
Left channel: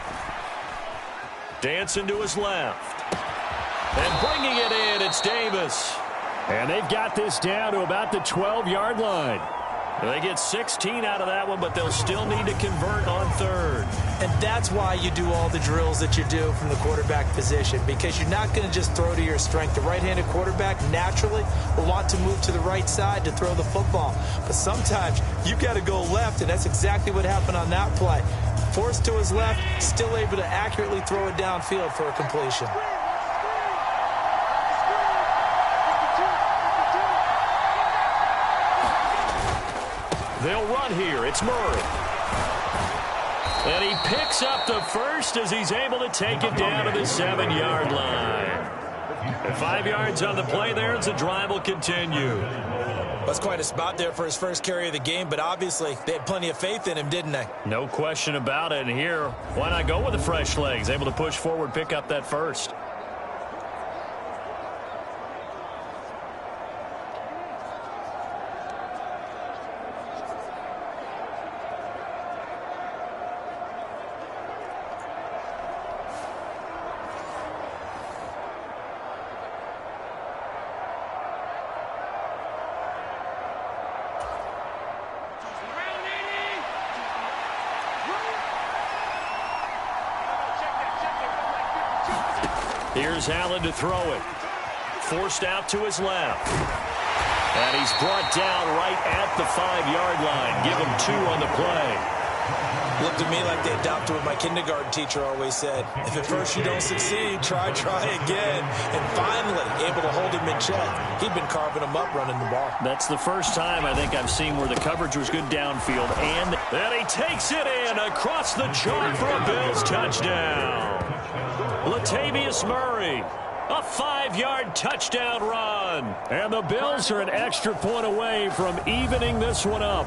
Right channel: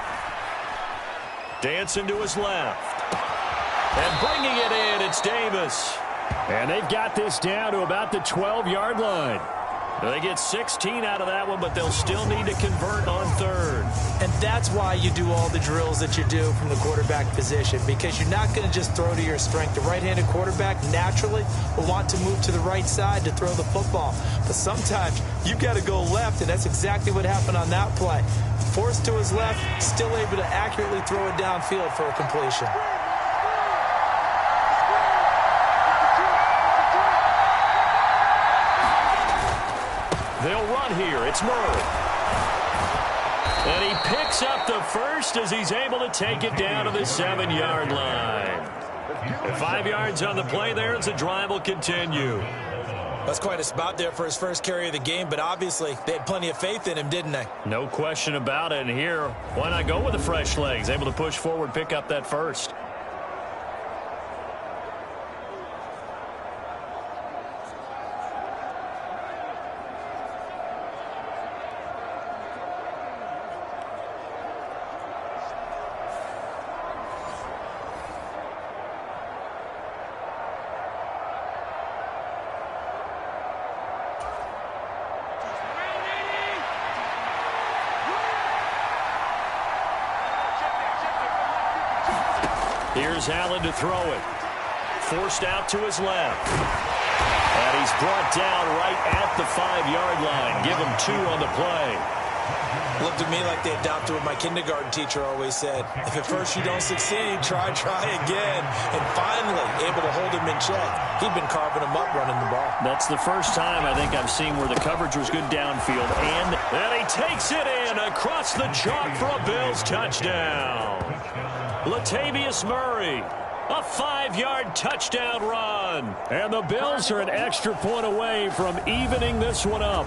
Dancing to his left. And bringing it in, it's Davis. And they've got this down to about the 12-yard line. They get 16 out of that one, but they'll still need to convert on third. And that's why you do all the drills that you do from the quarterback position, because you're not going to just throw to your strength. The right-handed quarterback naturally will want to move to the right side to throw the football. But sometimes you've got to go left, and that's exactly what happened on that play. Forced to his left, still able to accurately throw it downfield for a completion. They'll run here. It's Murray. And he picks up the first as he's able to take it down to the 7-yard line. And 5 yards on the play there as the drive will continue. That's quite a spot there for his first carry of the game, but obviously they had plenty of faith in him, didn't they? No question about it. And here, why not go with the fresh legs? Able to push forward, pick up that first. Here's Allen to throw it. Forced out to his left. And he's brought down right at the 5-yard line. Give him 2 on the play. Looked at me like they adopted what my kindergarten teacher always said. If at first you don't succeed, try again. And finally, able to hold him in check. He'd been carving him up running the ball. That's the first time I think I've seen where the coverage was good downfield. And he takes it in across the chalk for a Bills touchdown. Latavius Murray, a 5-yard touchdown run. And the Bills are an extra point away from evening this one up.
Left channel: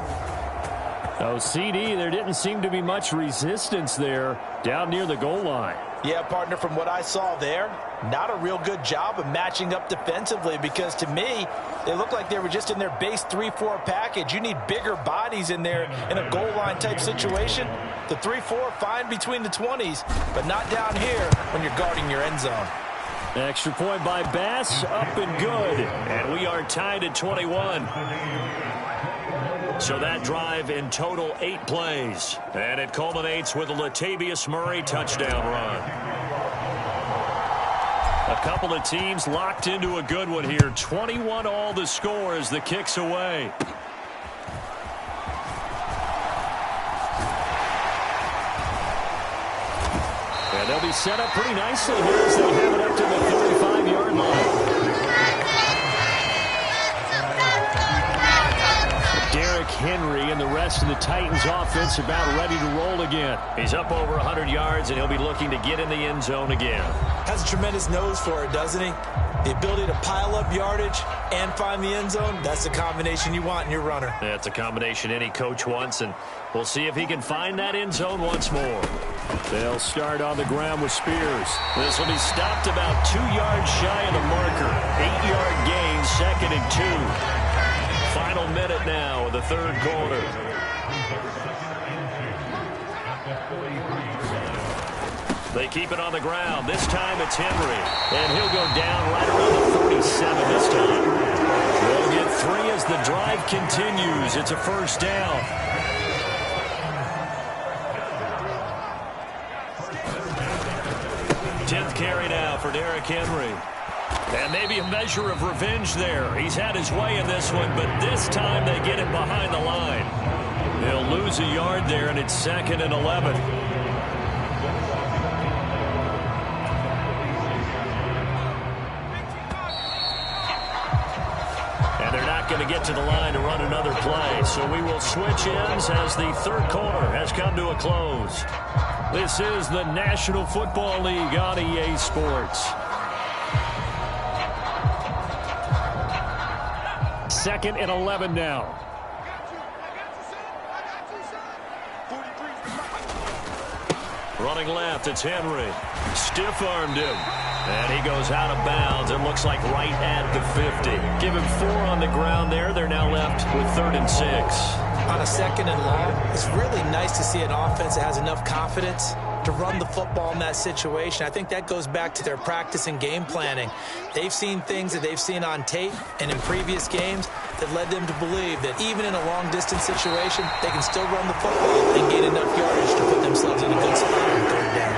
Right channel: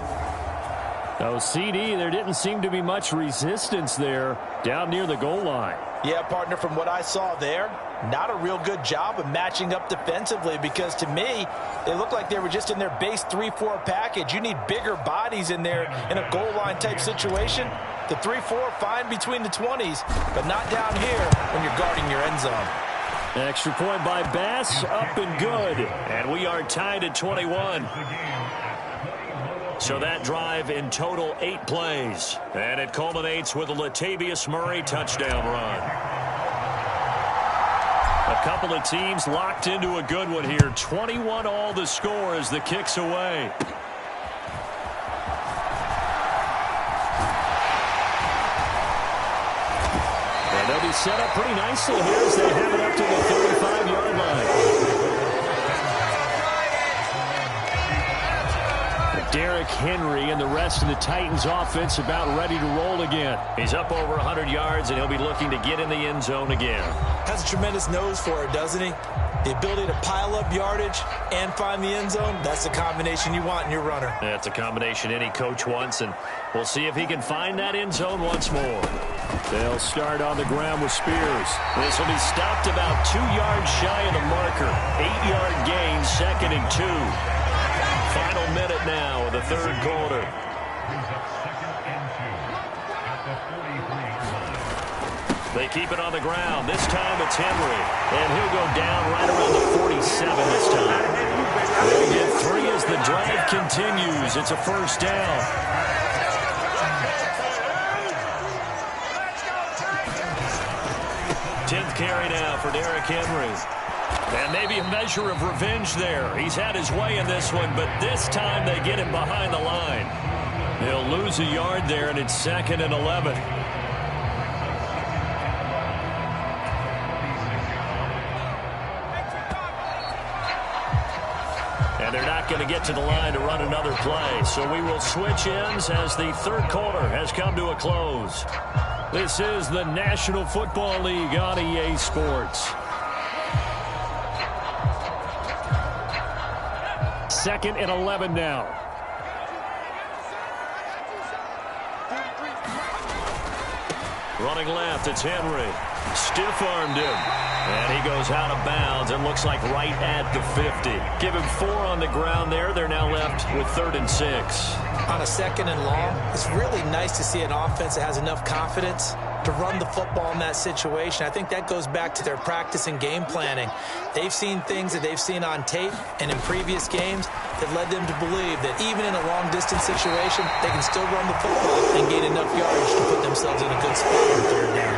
Oh, CD, there didn't seem to be much resistance there down near the goal line. Yeah, partner, from what I saw there, not a real good job of matching up defensively, because to me, they looked like they were just in their base 3-4 package. You need bigger bodies in there in a goal line type situation. The 3-4 fine between the 20s, but not down here when you're guarding your end zone. Extra point by Bass, up and good. And we are tied at 21. So that drive in total 8 plays. And it culminates with a Latavius Murray touchdown run. A couple of teams locked into a good one here. 21 all the score as the kick's away. And they'll be set up pretty nicely here as they have it up to the 35-yard line. Derrick Henry and the rest of the Titans offense about ready to roll again. He's up over 100 yards, and he'll be looking to get in the end zone again. Has a tremendous nose for it, doesn't he? The ability to pile up yardage and find the end zone, that's the combination you want in your runner. That's a combination any coach wants, and we'll see if he can find that end zone once more. They'll start on the ground with Spears. This will be stopped about 2 yards shy of the marker. 8-yard gain, 2nd and 2. Final minute now of the third quarter. They keep it on the ground. This time it's Henry. And he'll go down right around the 47 this time. They'll get 3 as the drive continues. It's a first down. Tenth carry now for Derrick Henry. And maybe a measure of revenge there. He's had his way in this one, but this time they get him behind the line. They'll lose a yard there, and it's 2nd and 11. And they're not going to get to the line to run another play. So we will switch ends as the third quarter has come to a close. This is the National Football League on EA Sports. 2nd and 11 now. Running left, it's Henry. Stiff-armed him. And he goes out of bounds. It looks like right at the 50. Give him 4 on the ground there. They're now left with 3rd and 6. On a 2nd and long, it's really nice to see an offense that has enough confidence to run the football in that situation. I think that goes back to their practice and game planning. They've seen things that they've seen on tape and in previous games that led them to believe that even in a long-distance situation, they can still run the football and gain enough yardage to put themselves in a good spot on 3rd down.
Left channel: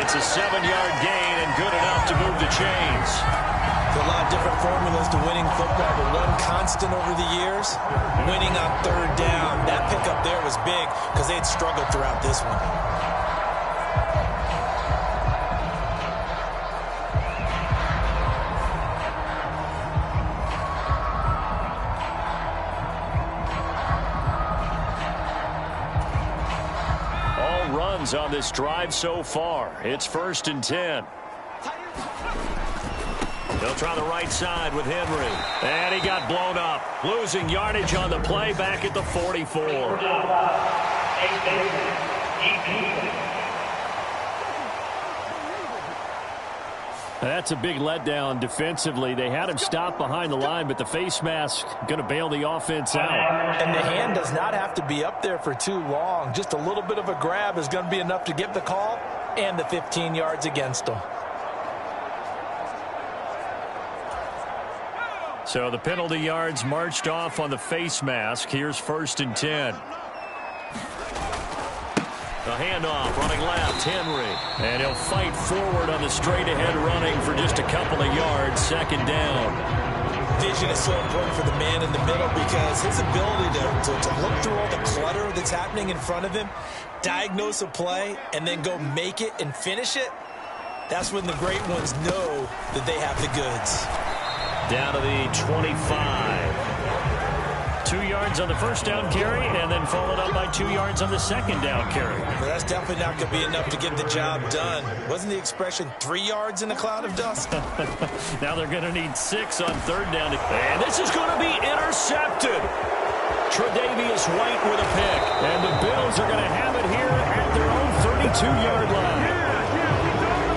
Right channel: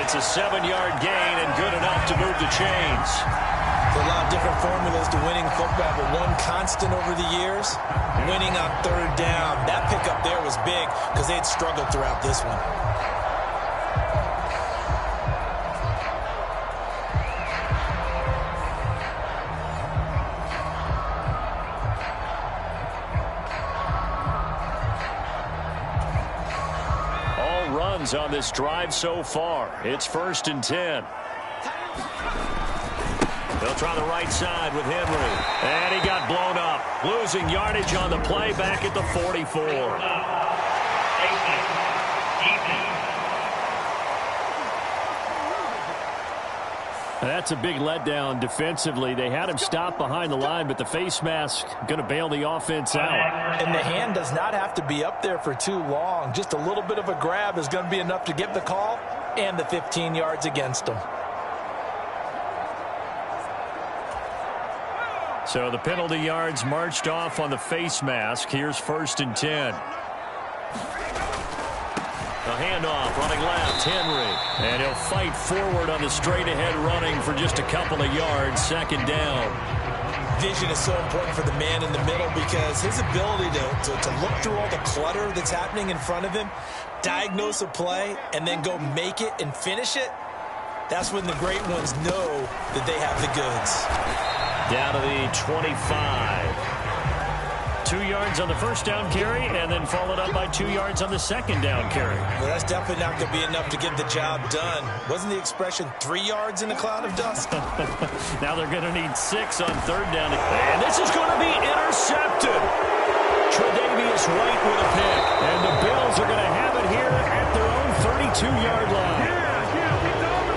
It's a 7-yard gain and good enough to move the chains. There's a lot of different formulas to winning football, but one constant over the years, winning on 3rd down. That pickup there was big because they had struggled throughout this one. Runs on this drive so far. It's 1st and 10. They'll try the right side with Henry. And he got blown up. Losing yardage on the play back at the 44. That's a big letdown defensively. They had him stop behind the line, but the face mask going to bail the offense out. And the hand does not have to be up there for too long. Just a little bit of a grab is going to be enough to get the call and the 15 yards against them. So the penalty yards marched off on the face mask. Here's 1st and 10. The handoff, running left, Henry. And he'll fight forward on the straight-ahead running for just a couple of yards, 2nd down. Vision is so important for the man in the middle because his ability to look through all the clutter that's happening in front of him, diagnose a play, and then go make it and finish it, that's when the great ones know that they have the goods. Down to the 25. 2 yards on the 1st down carry, and then followed up by 2 yards on the 2nd down carry. Well, that's definitely not going to be enough to get the job done. Wasn't the expression 3 yards in a cloud of dust? Now they're going to need 6 on 3rd down. And this is going to be intercepted. Tre'Davious White with a pick. And the Bills are going to have it here at their own 32-yard line.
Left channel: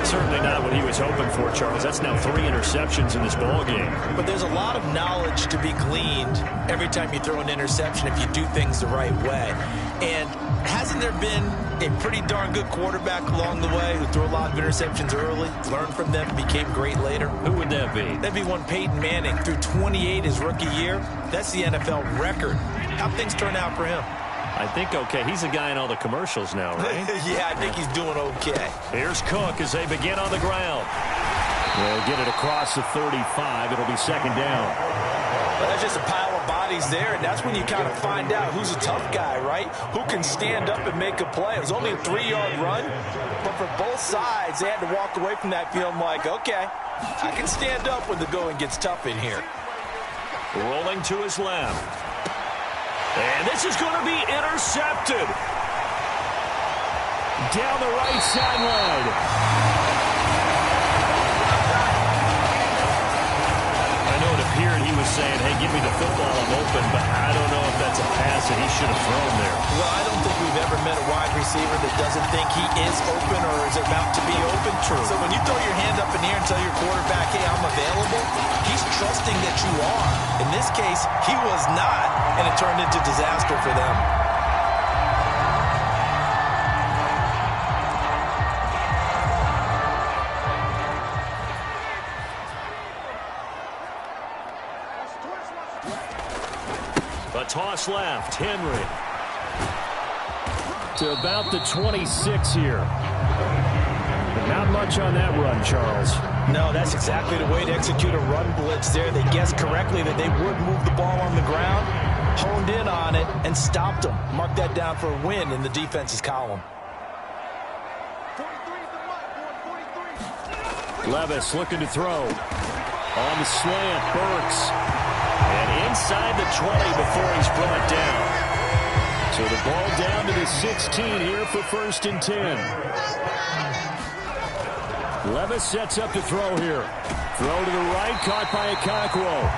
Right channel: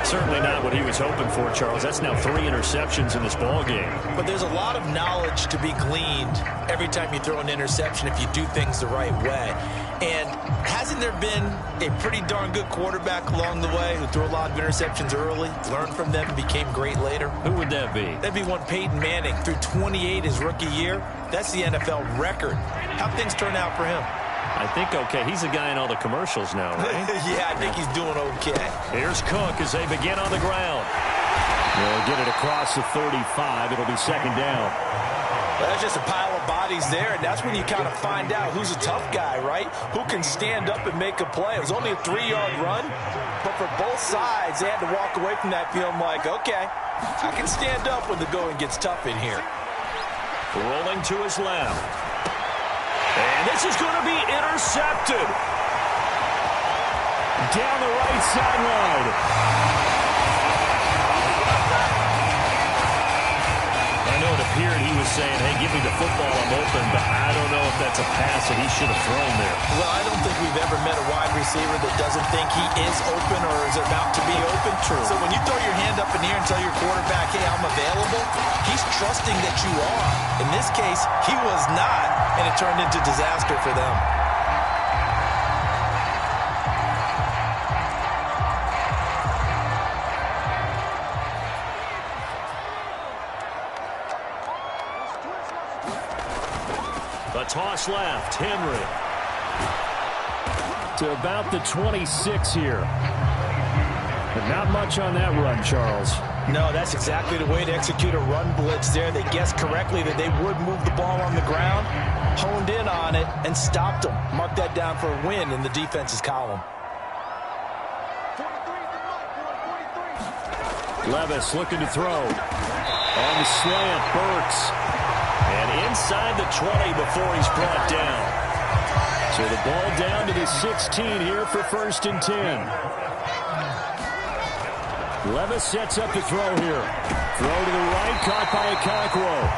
Certainly not what he was hoping for, Charles. That's now 3 interceptions in this ball game. But there's a lot of knowledge to be gleaned every time you throw an interception if you do things the right way. And hasn't there been a pretty darn good quarterback along the way who threw a lot of interceptions early, learned from them, and became great later? Who would that be? That'd be one Peyton Manning. Threw 28 his rookie year. That's the NFL record. How'd things turn out for him? I think okay. He's the guy in all the commercials now, right? Yeah, I think he's doing okay. Here's Cook as they begin on the ground. They'll get it across the 35. It'll be 2nd down. But that's just a pile of bodies there, and that's when you kind of find out who's a tough guy, right? Who can stand up and make a play. It was only a 3-yard run, but for both sides, they had to walk away from that feeling like, okay, I can stand up when the going gets tough in here. Rolling to his left. And this is going to be intercepted. Down the right sideline. I know it appeared he was saying, hey, give me the football, I'm open, but I don't know if that's a pass that he should have thrown there. Well, I don't think we've ever met a wide receiver that doesn't think he is open or is about to be open. True. So when you throw your hand up in the air and tell your quarterback, hey, I'm available, he's trusting that you are. In this case, he was not, and it turned into disaster for them. A toss left, Henry. To about the 26 here. But not much on that run, Charles. No, that's exactly the way to execute a run blitz there. They guessed correctly that they would move the ball on the ground, honed in on it, and stopped them. Mark that down for a win in the defense's column. Levis looking to throw. On the slant, Burks. And inside the 20 before he's brought down. So the ball down to the 16 here for 1st and 10. Levis sets up to throw here. Throw to the right, caught by Okonkwo.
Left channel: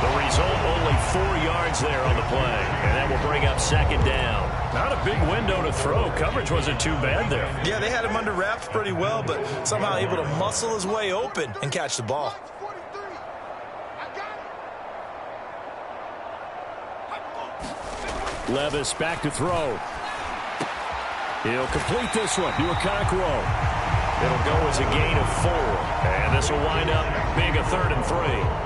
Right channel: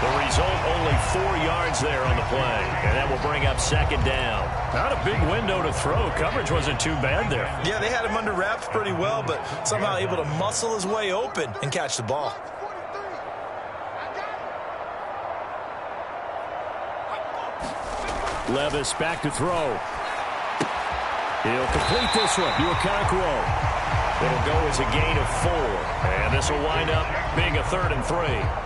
The result, only 4 yards there on the play. And that will bring up second down. Not a big window to throw. Coverage wasn't too bad there. Yeah, they had him under wraps pretty well, but somehow able to muscle his way open and catch the ball. Levis back to throw. He'll complete this one to Okonkwo. It'll go as a gain of 4. And this will wind up being a 3rd and 3.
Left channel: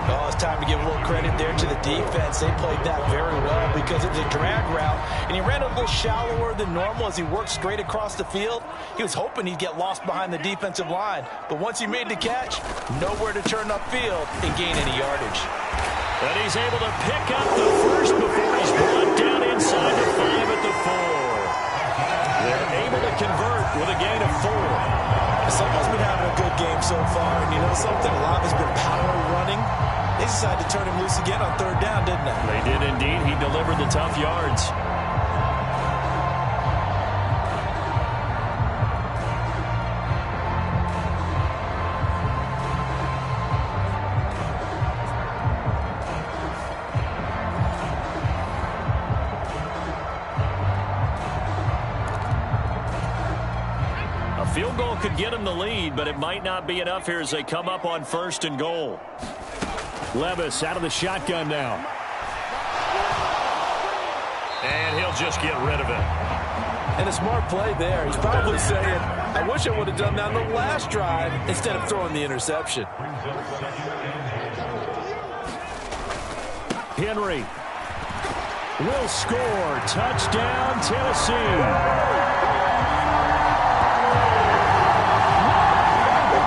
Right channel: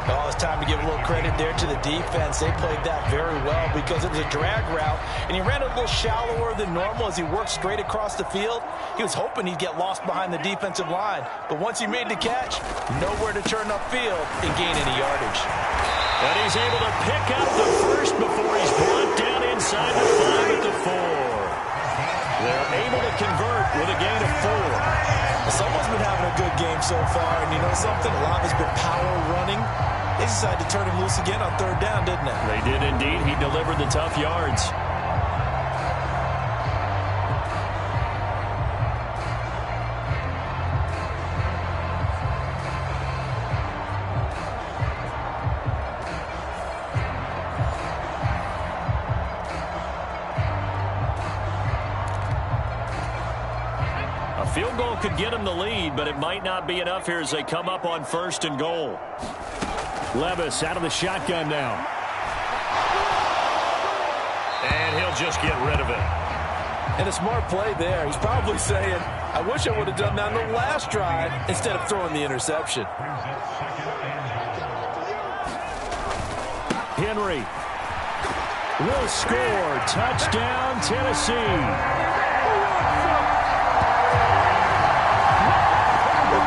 Oh, it's time to give a little credit there to the defense. They played that very well because it was a drag route, and he ran a little shallower than normal as he worked straight across the field. He was hoping he'd get lost behind the defensive line, but once he made the catch, nowhere to turn upfield and gain any yardage. And he's able to pick up the first before he's brought down inside the 5 at the 4. They're able to convert with a gain of 4. Someone's been having a good game so far, and you know something? A lot has been power running. They decided to turn him loose again on 3rd down, didn't they? They did indeed. He delivered the tough yards. Field goal could get him the lead, but it might not be enough here as they come up on 1st and goal. Levis out of the shotgun now. And he'll just get rid of it. And a smart play there. He's probably saying, I wish I would have done that on the last drive instead of throwing the interception. Henry will score. Touchdown, Tennessee.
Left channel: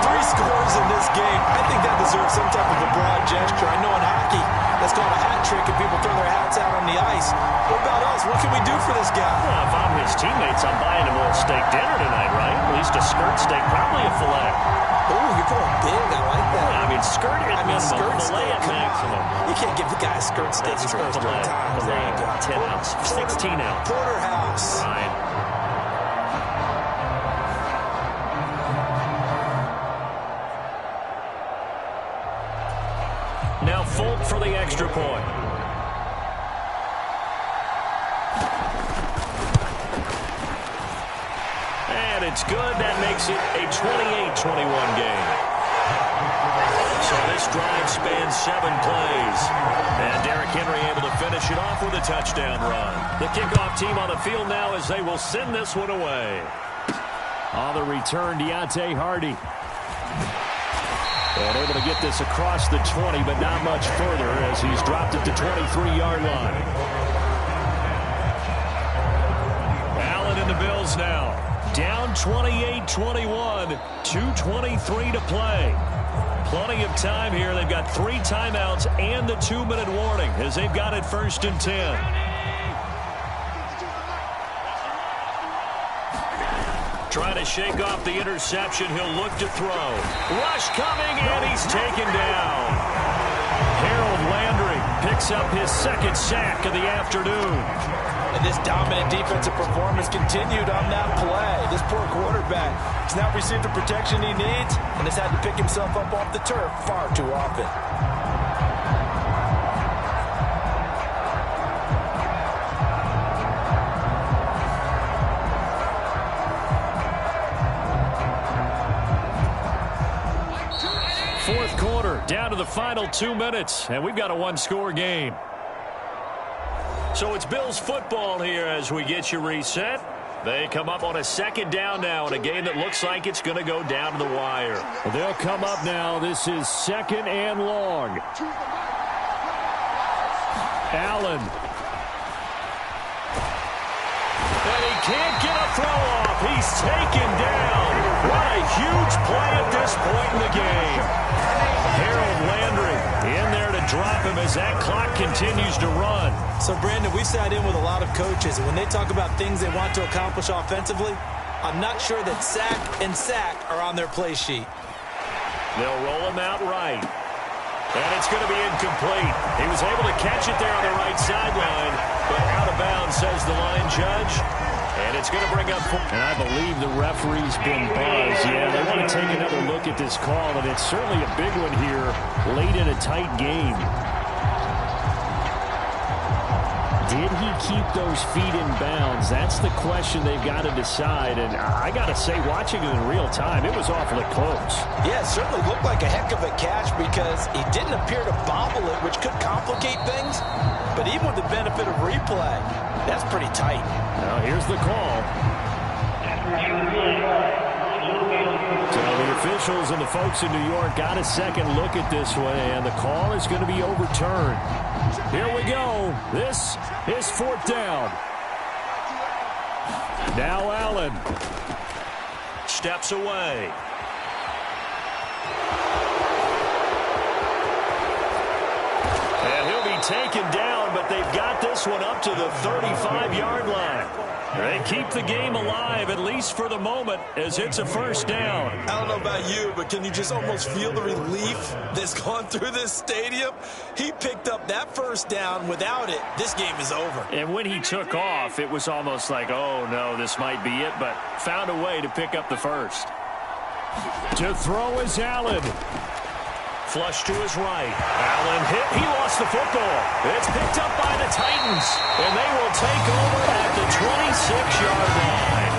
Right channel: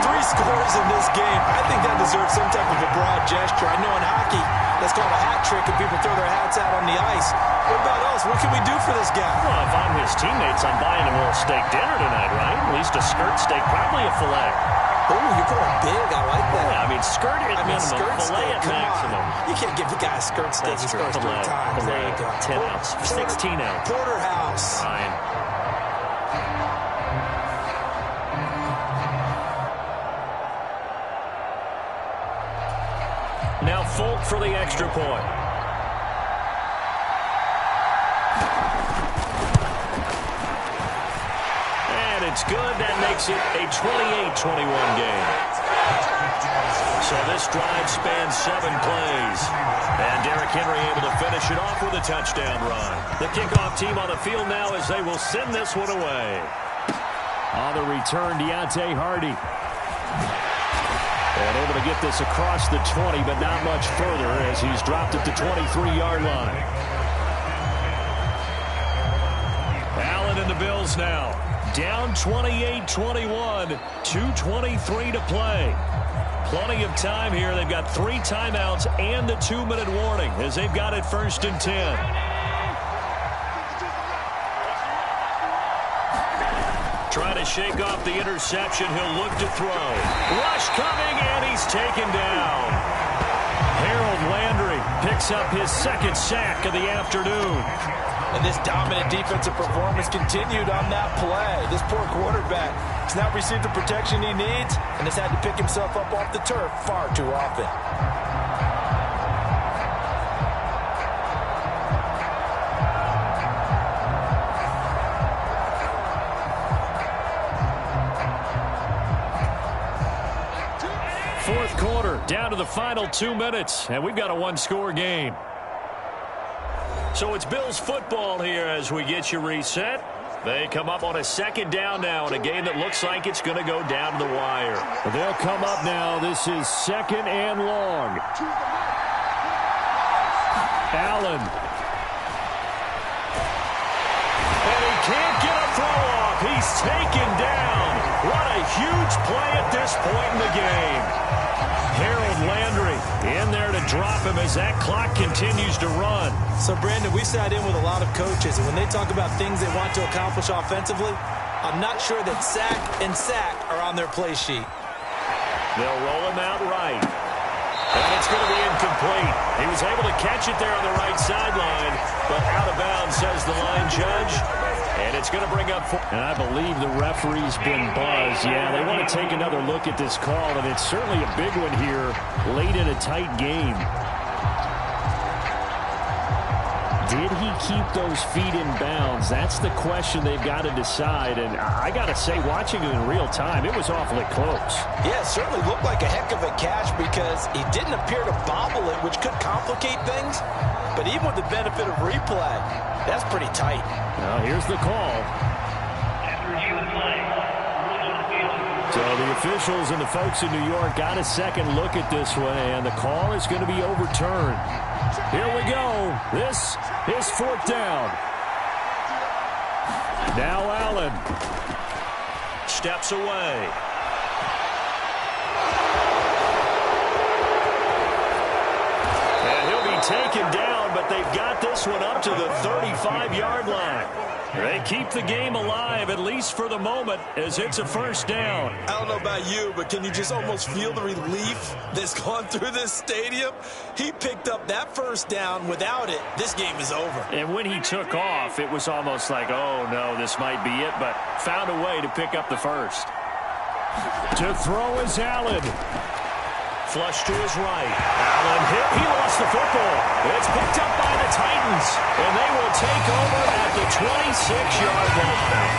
3 scores in this game. I think that deserves some type of a broad gesture. I know in hockey, that's called a hat trick, and people throw their hats out on the ice. What about us? What can we do for this guy? Well, if I'm his teammates, I'm buying him a little steak dinner tonight, right? At least a skirt steak, probably a filet. Oh, you're going big. I like that. Yeah, I mean, skirt at minimum, skirt filet steak, at maximum. On. You can't give the guy a skirt steak. He scores 3 times. There you go. 10 ounce, 16 ounce. Porterhouse. Fine. Now Folk for the extra point. And it's good. That makes it a 28-21 game. So this drive spans 7 plays. And Derrick Henry able to finish it off with a touchdown run. The kickoff team on the field now as they will send this one away. On the return, Deontay Hardy. And able to get this across the 20, but not much further as he's dropped at the 23-yard line. Allen and the Bills now. Down 28-21. 2:23 to play. Plenty of time here. They've got 3 timeouts and the 2-minute warning as they've got it 1st and 10. Trying to shake off the interception. He'll look to throw. Rush coming, and he's taken down. Harold Landry picks up his 2nd sack of the afternoon. And this dominant defensive performance continued on that play. This poor quarterback has now received the protection he needs and has had to pick himself up off the turf far too often. Fourth quarter, down to the final 2 minutes, and we've got a 1-score game. So it's Bills football here as we get you reset. They come up on a 2nd down now in a game that looks like it's going to go down to the wire. They'll come up now. This is 2nd and long. Allen. And he can't get a throw off. He's taken down. What a huge play at this point in the game. Harold Landry in there to drop him as that clock continues to run. So, Brandon, we sat in with a lot of coaches, and when they talk about things they want to accomplish offensively, I'm not sure that sack and sack are on their play sheet. They'll roll him out right. And it's going to be incomplete. He was able to catch it there on the right sideline, but out of bounds, says the line judge. And it's going to bring up... And I believe the referee's been buzzed. Yeah, they want to take another look at this call, and it's certainly a big one here late in a tight game. Did he keep those feet in bounds? That's the question they've got to decide. And I got to say, watching it in real time, it was awfully close. Yeah, it certainly looked like a heck of a catch because he didn't appear to bobble it, which could complicate things. But even with the benefit of replay, that's pretty tight. Now here's the call. So the officials and the folks in New York got a second look at this one, and the call is going to be overturned. Here we go. This is fourth down. Now Allen steps away. And he'll be taken down, but they've got this one up to the 35-yard line. They keep the game alive, at least for the moment, as it's a first down. I don't know about you, but can you just almost feel the relief that's gone through this stadium? He picked up that first down. Without it, this game is over. And when he took off, it was almost like, oh, no, this might be it, but found a way to pick up the first. To throw is Allen. Flush to his right. Allen hit. He lost the football. It's picked up by the Titans, and they will take over at the 26-yard line.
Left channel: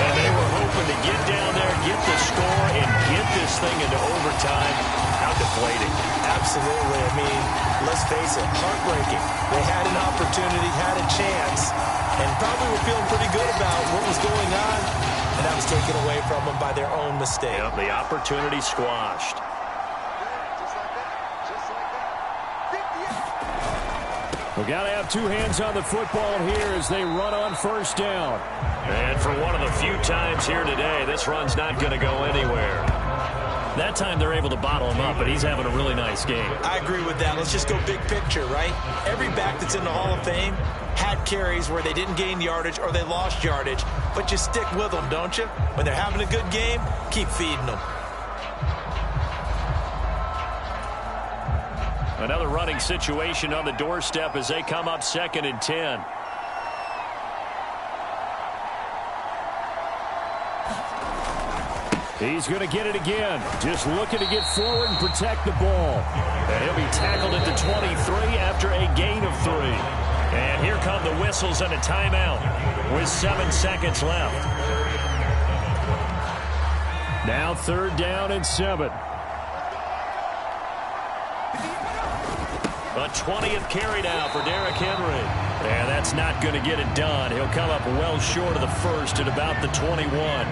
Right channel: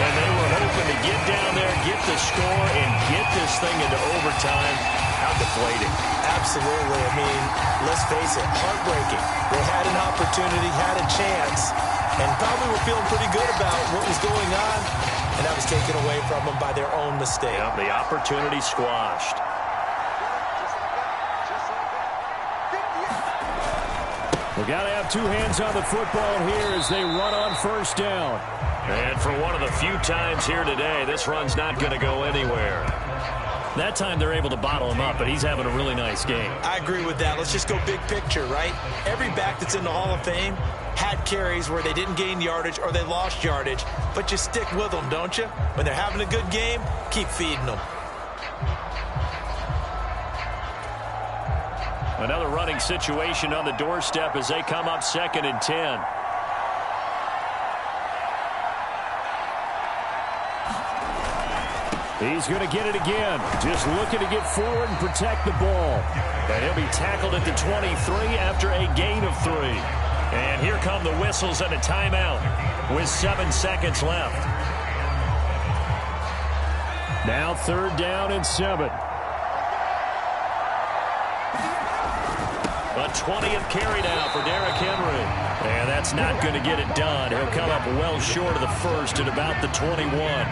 And they were hoping to get down there, get the score, and get this thing into overtime. How deflating. Absolutely. I mean, let's face it, heartbreaking. They had an opportunity, had a chance, and probably were feeling pretty good about what was going on. And that was taken away from them by their own mistake. Yep, the opportunity squashed. We've got to have two hands on the football here as they run on first down. And for one of the few times here today, this run's not going to go anywhere. That time they're able to bottle him up, but he's having a really nice game. I agree with that. Let's just go big picture, right? Every back that's in the Hall of Fame had carries where they didn't gain yardage or they lost yardage, but you stick with them, don't you? When they're having a good game, keep feeding them. Another running situation on the doorstep as they come up 2nd and 10. He's going to get it again. Just looking to get forward and protect the ball. And he'll be tackled at the 23 after a gain of 3. And here come the whistles and a timeout with 7 seconds left. Now 3rd down and 7. A 20th carry now for Derrick Henry. And that's not going to get it done. He'll come up well short of the first at about the 21.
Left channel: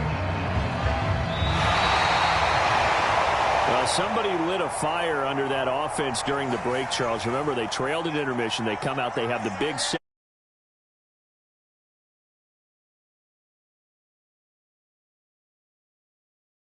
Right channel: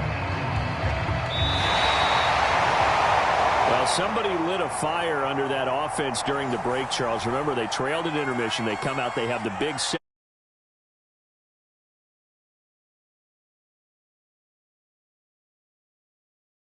Well, somebody lit a fire under that offense during the break, Charles. Remember, they trailed at intermission. They come out, they have the big set.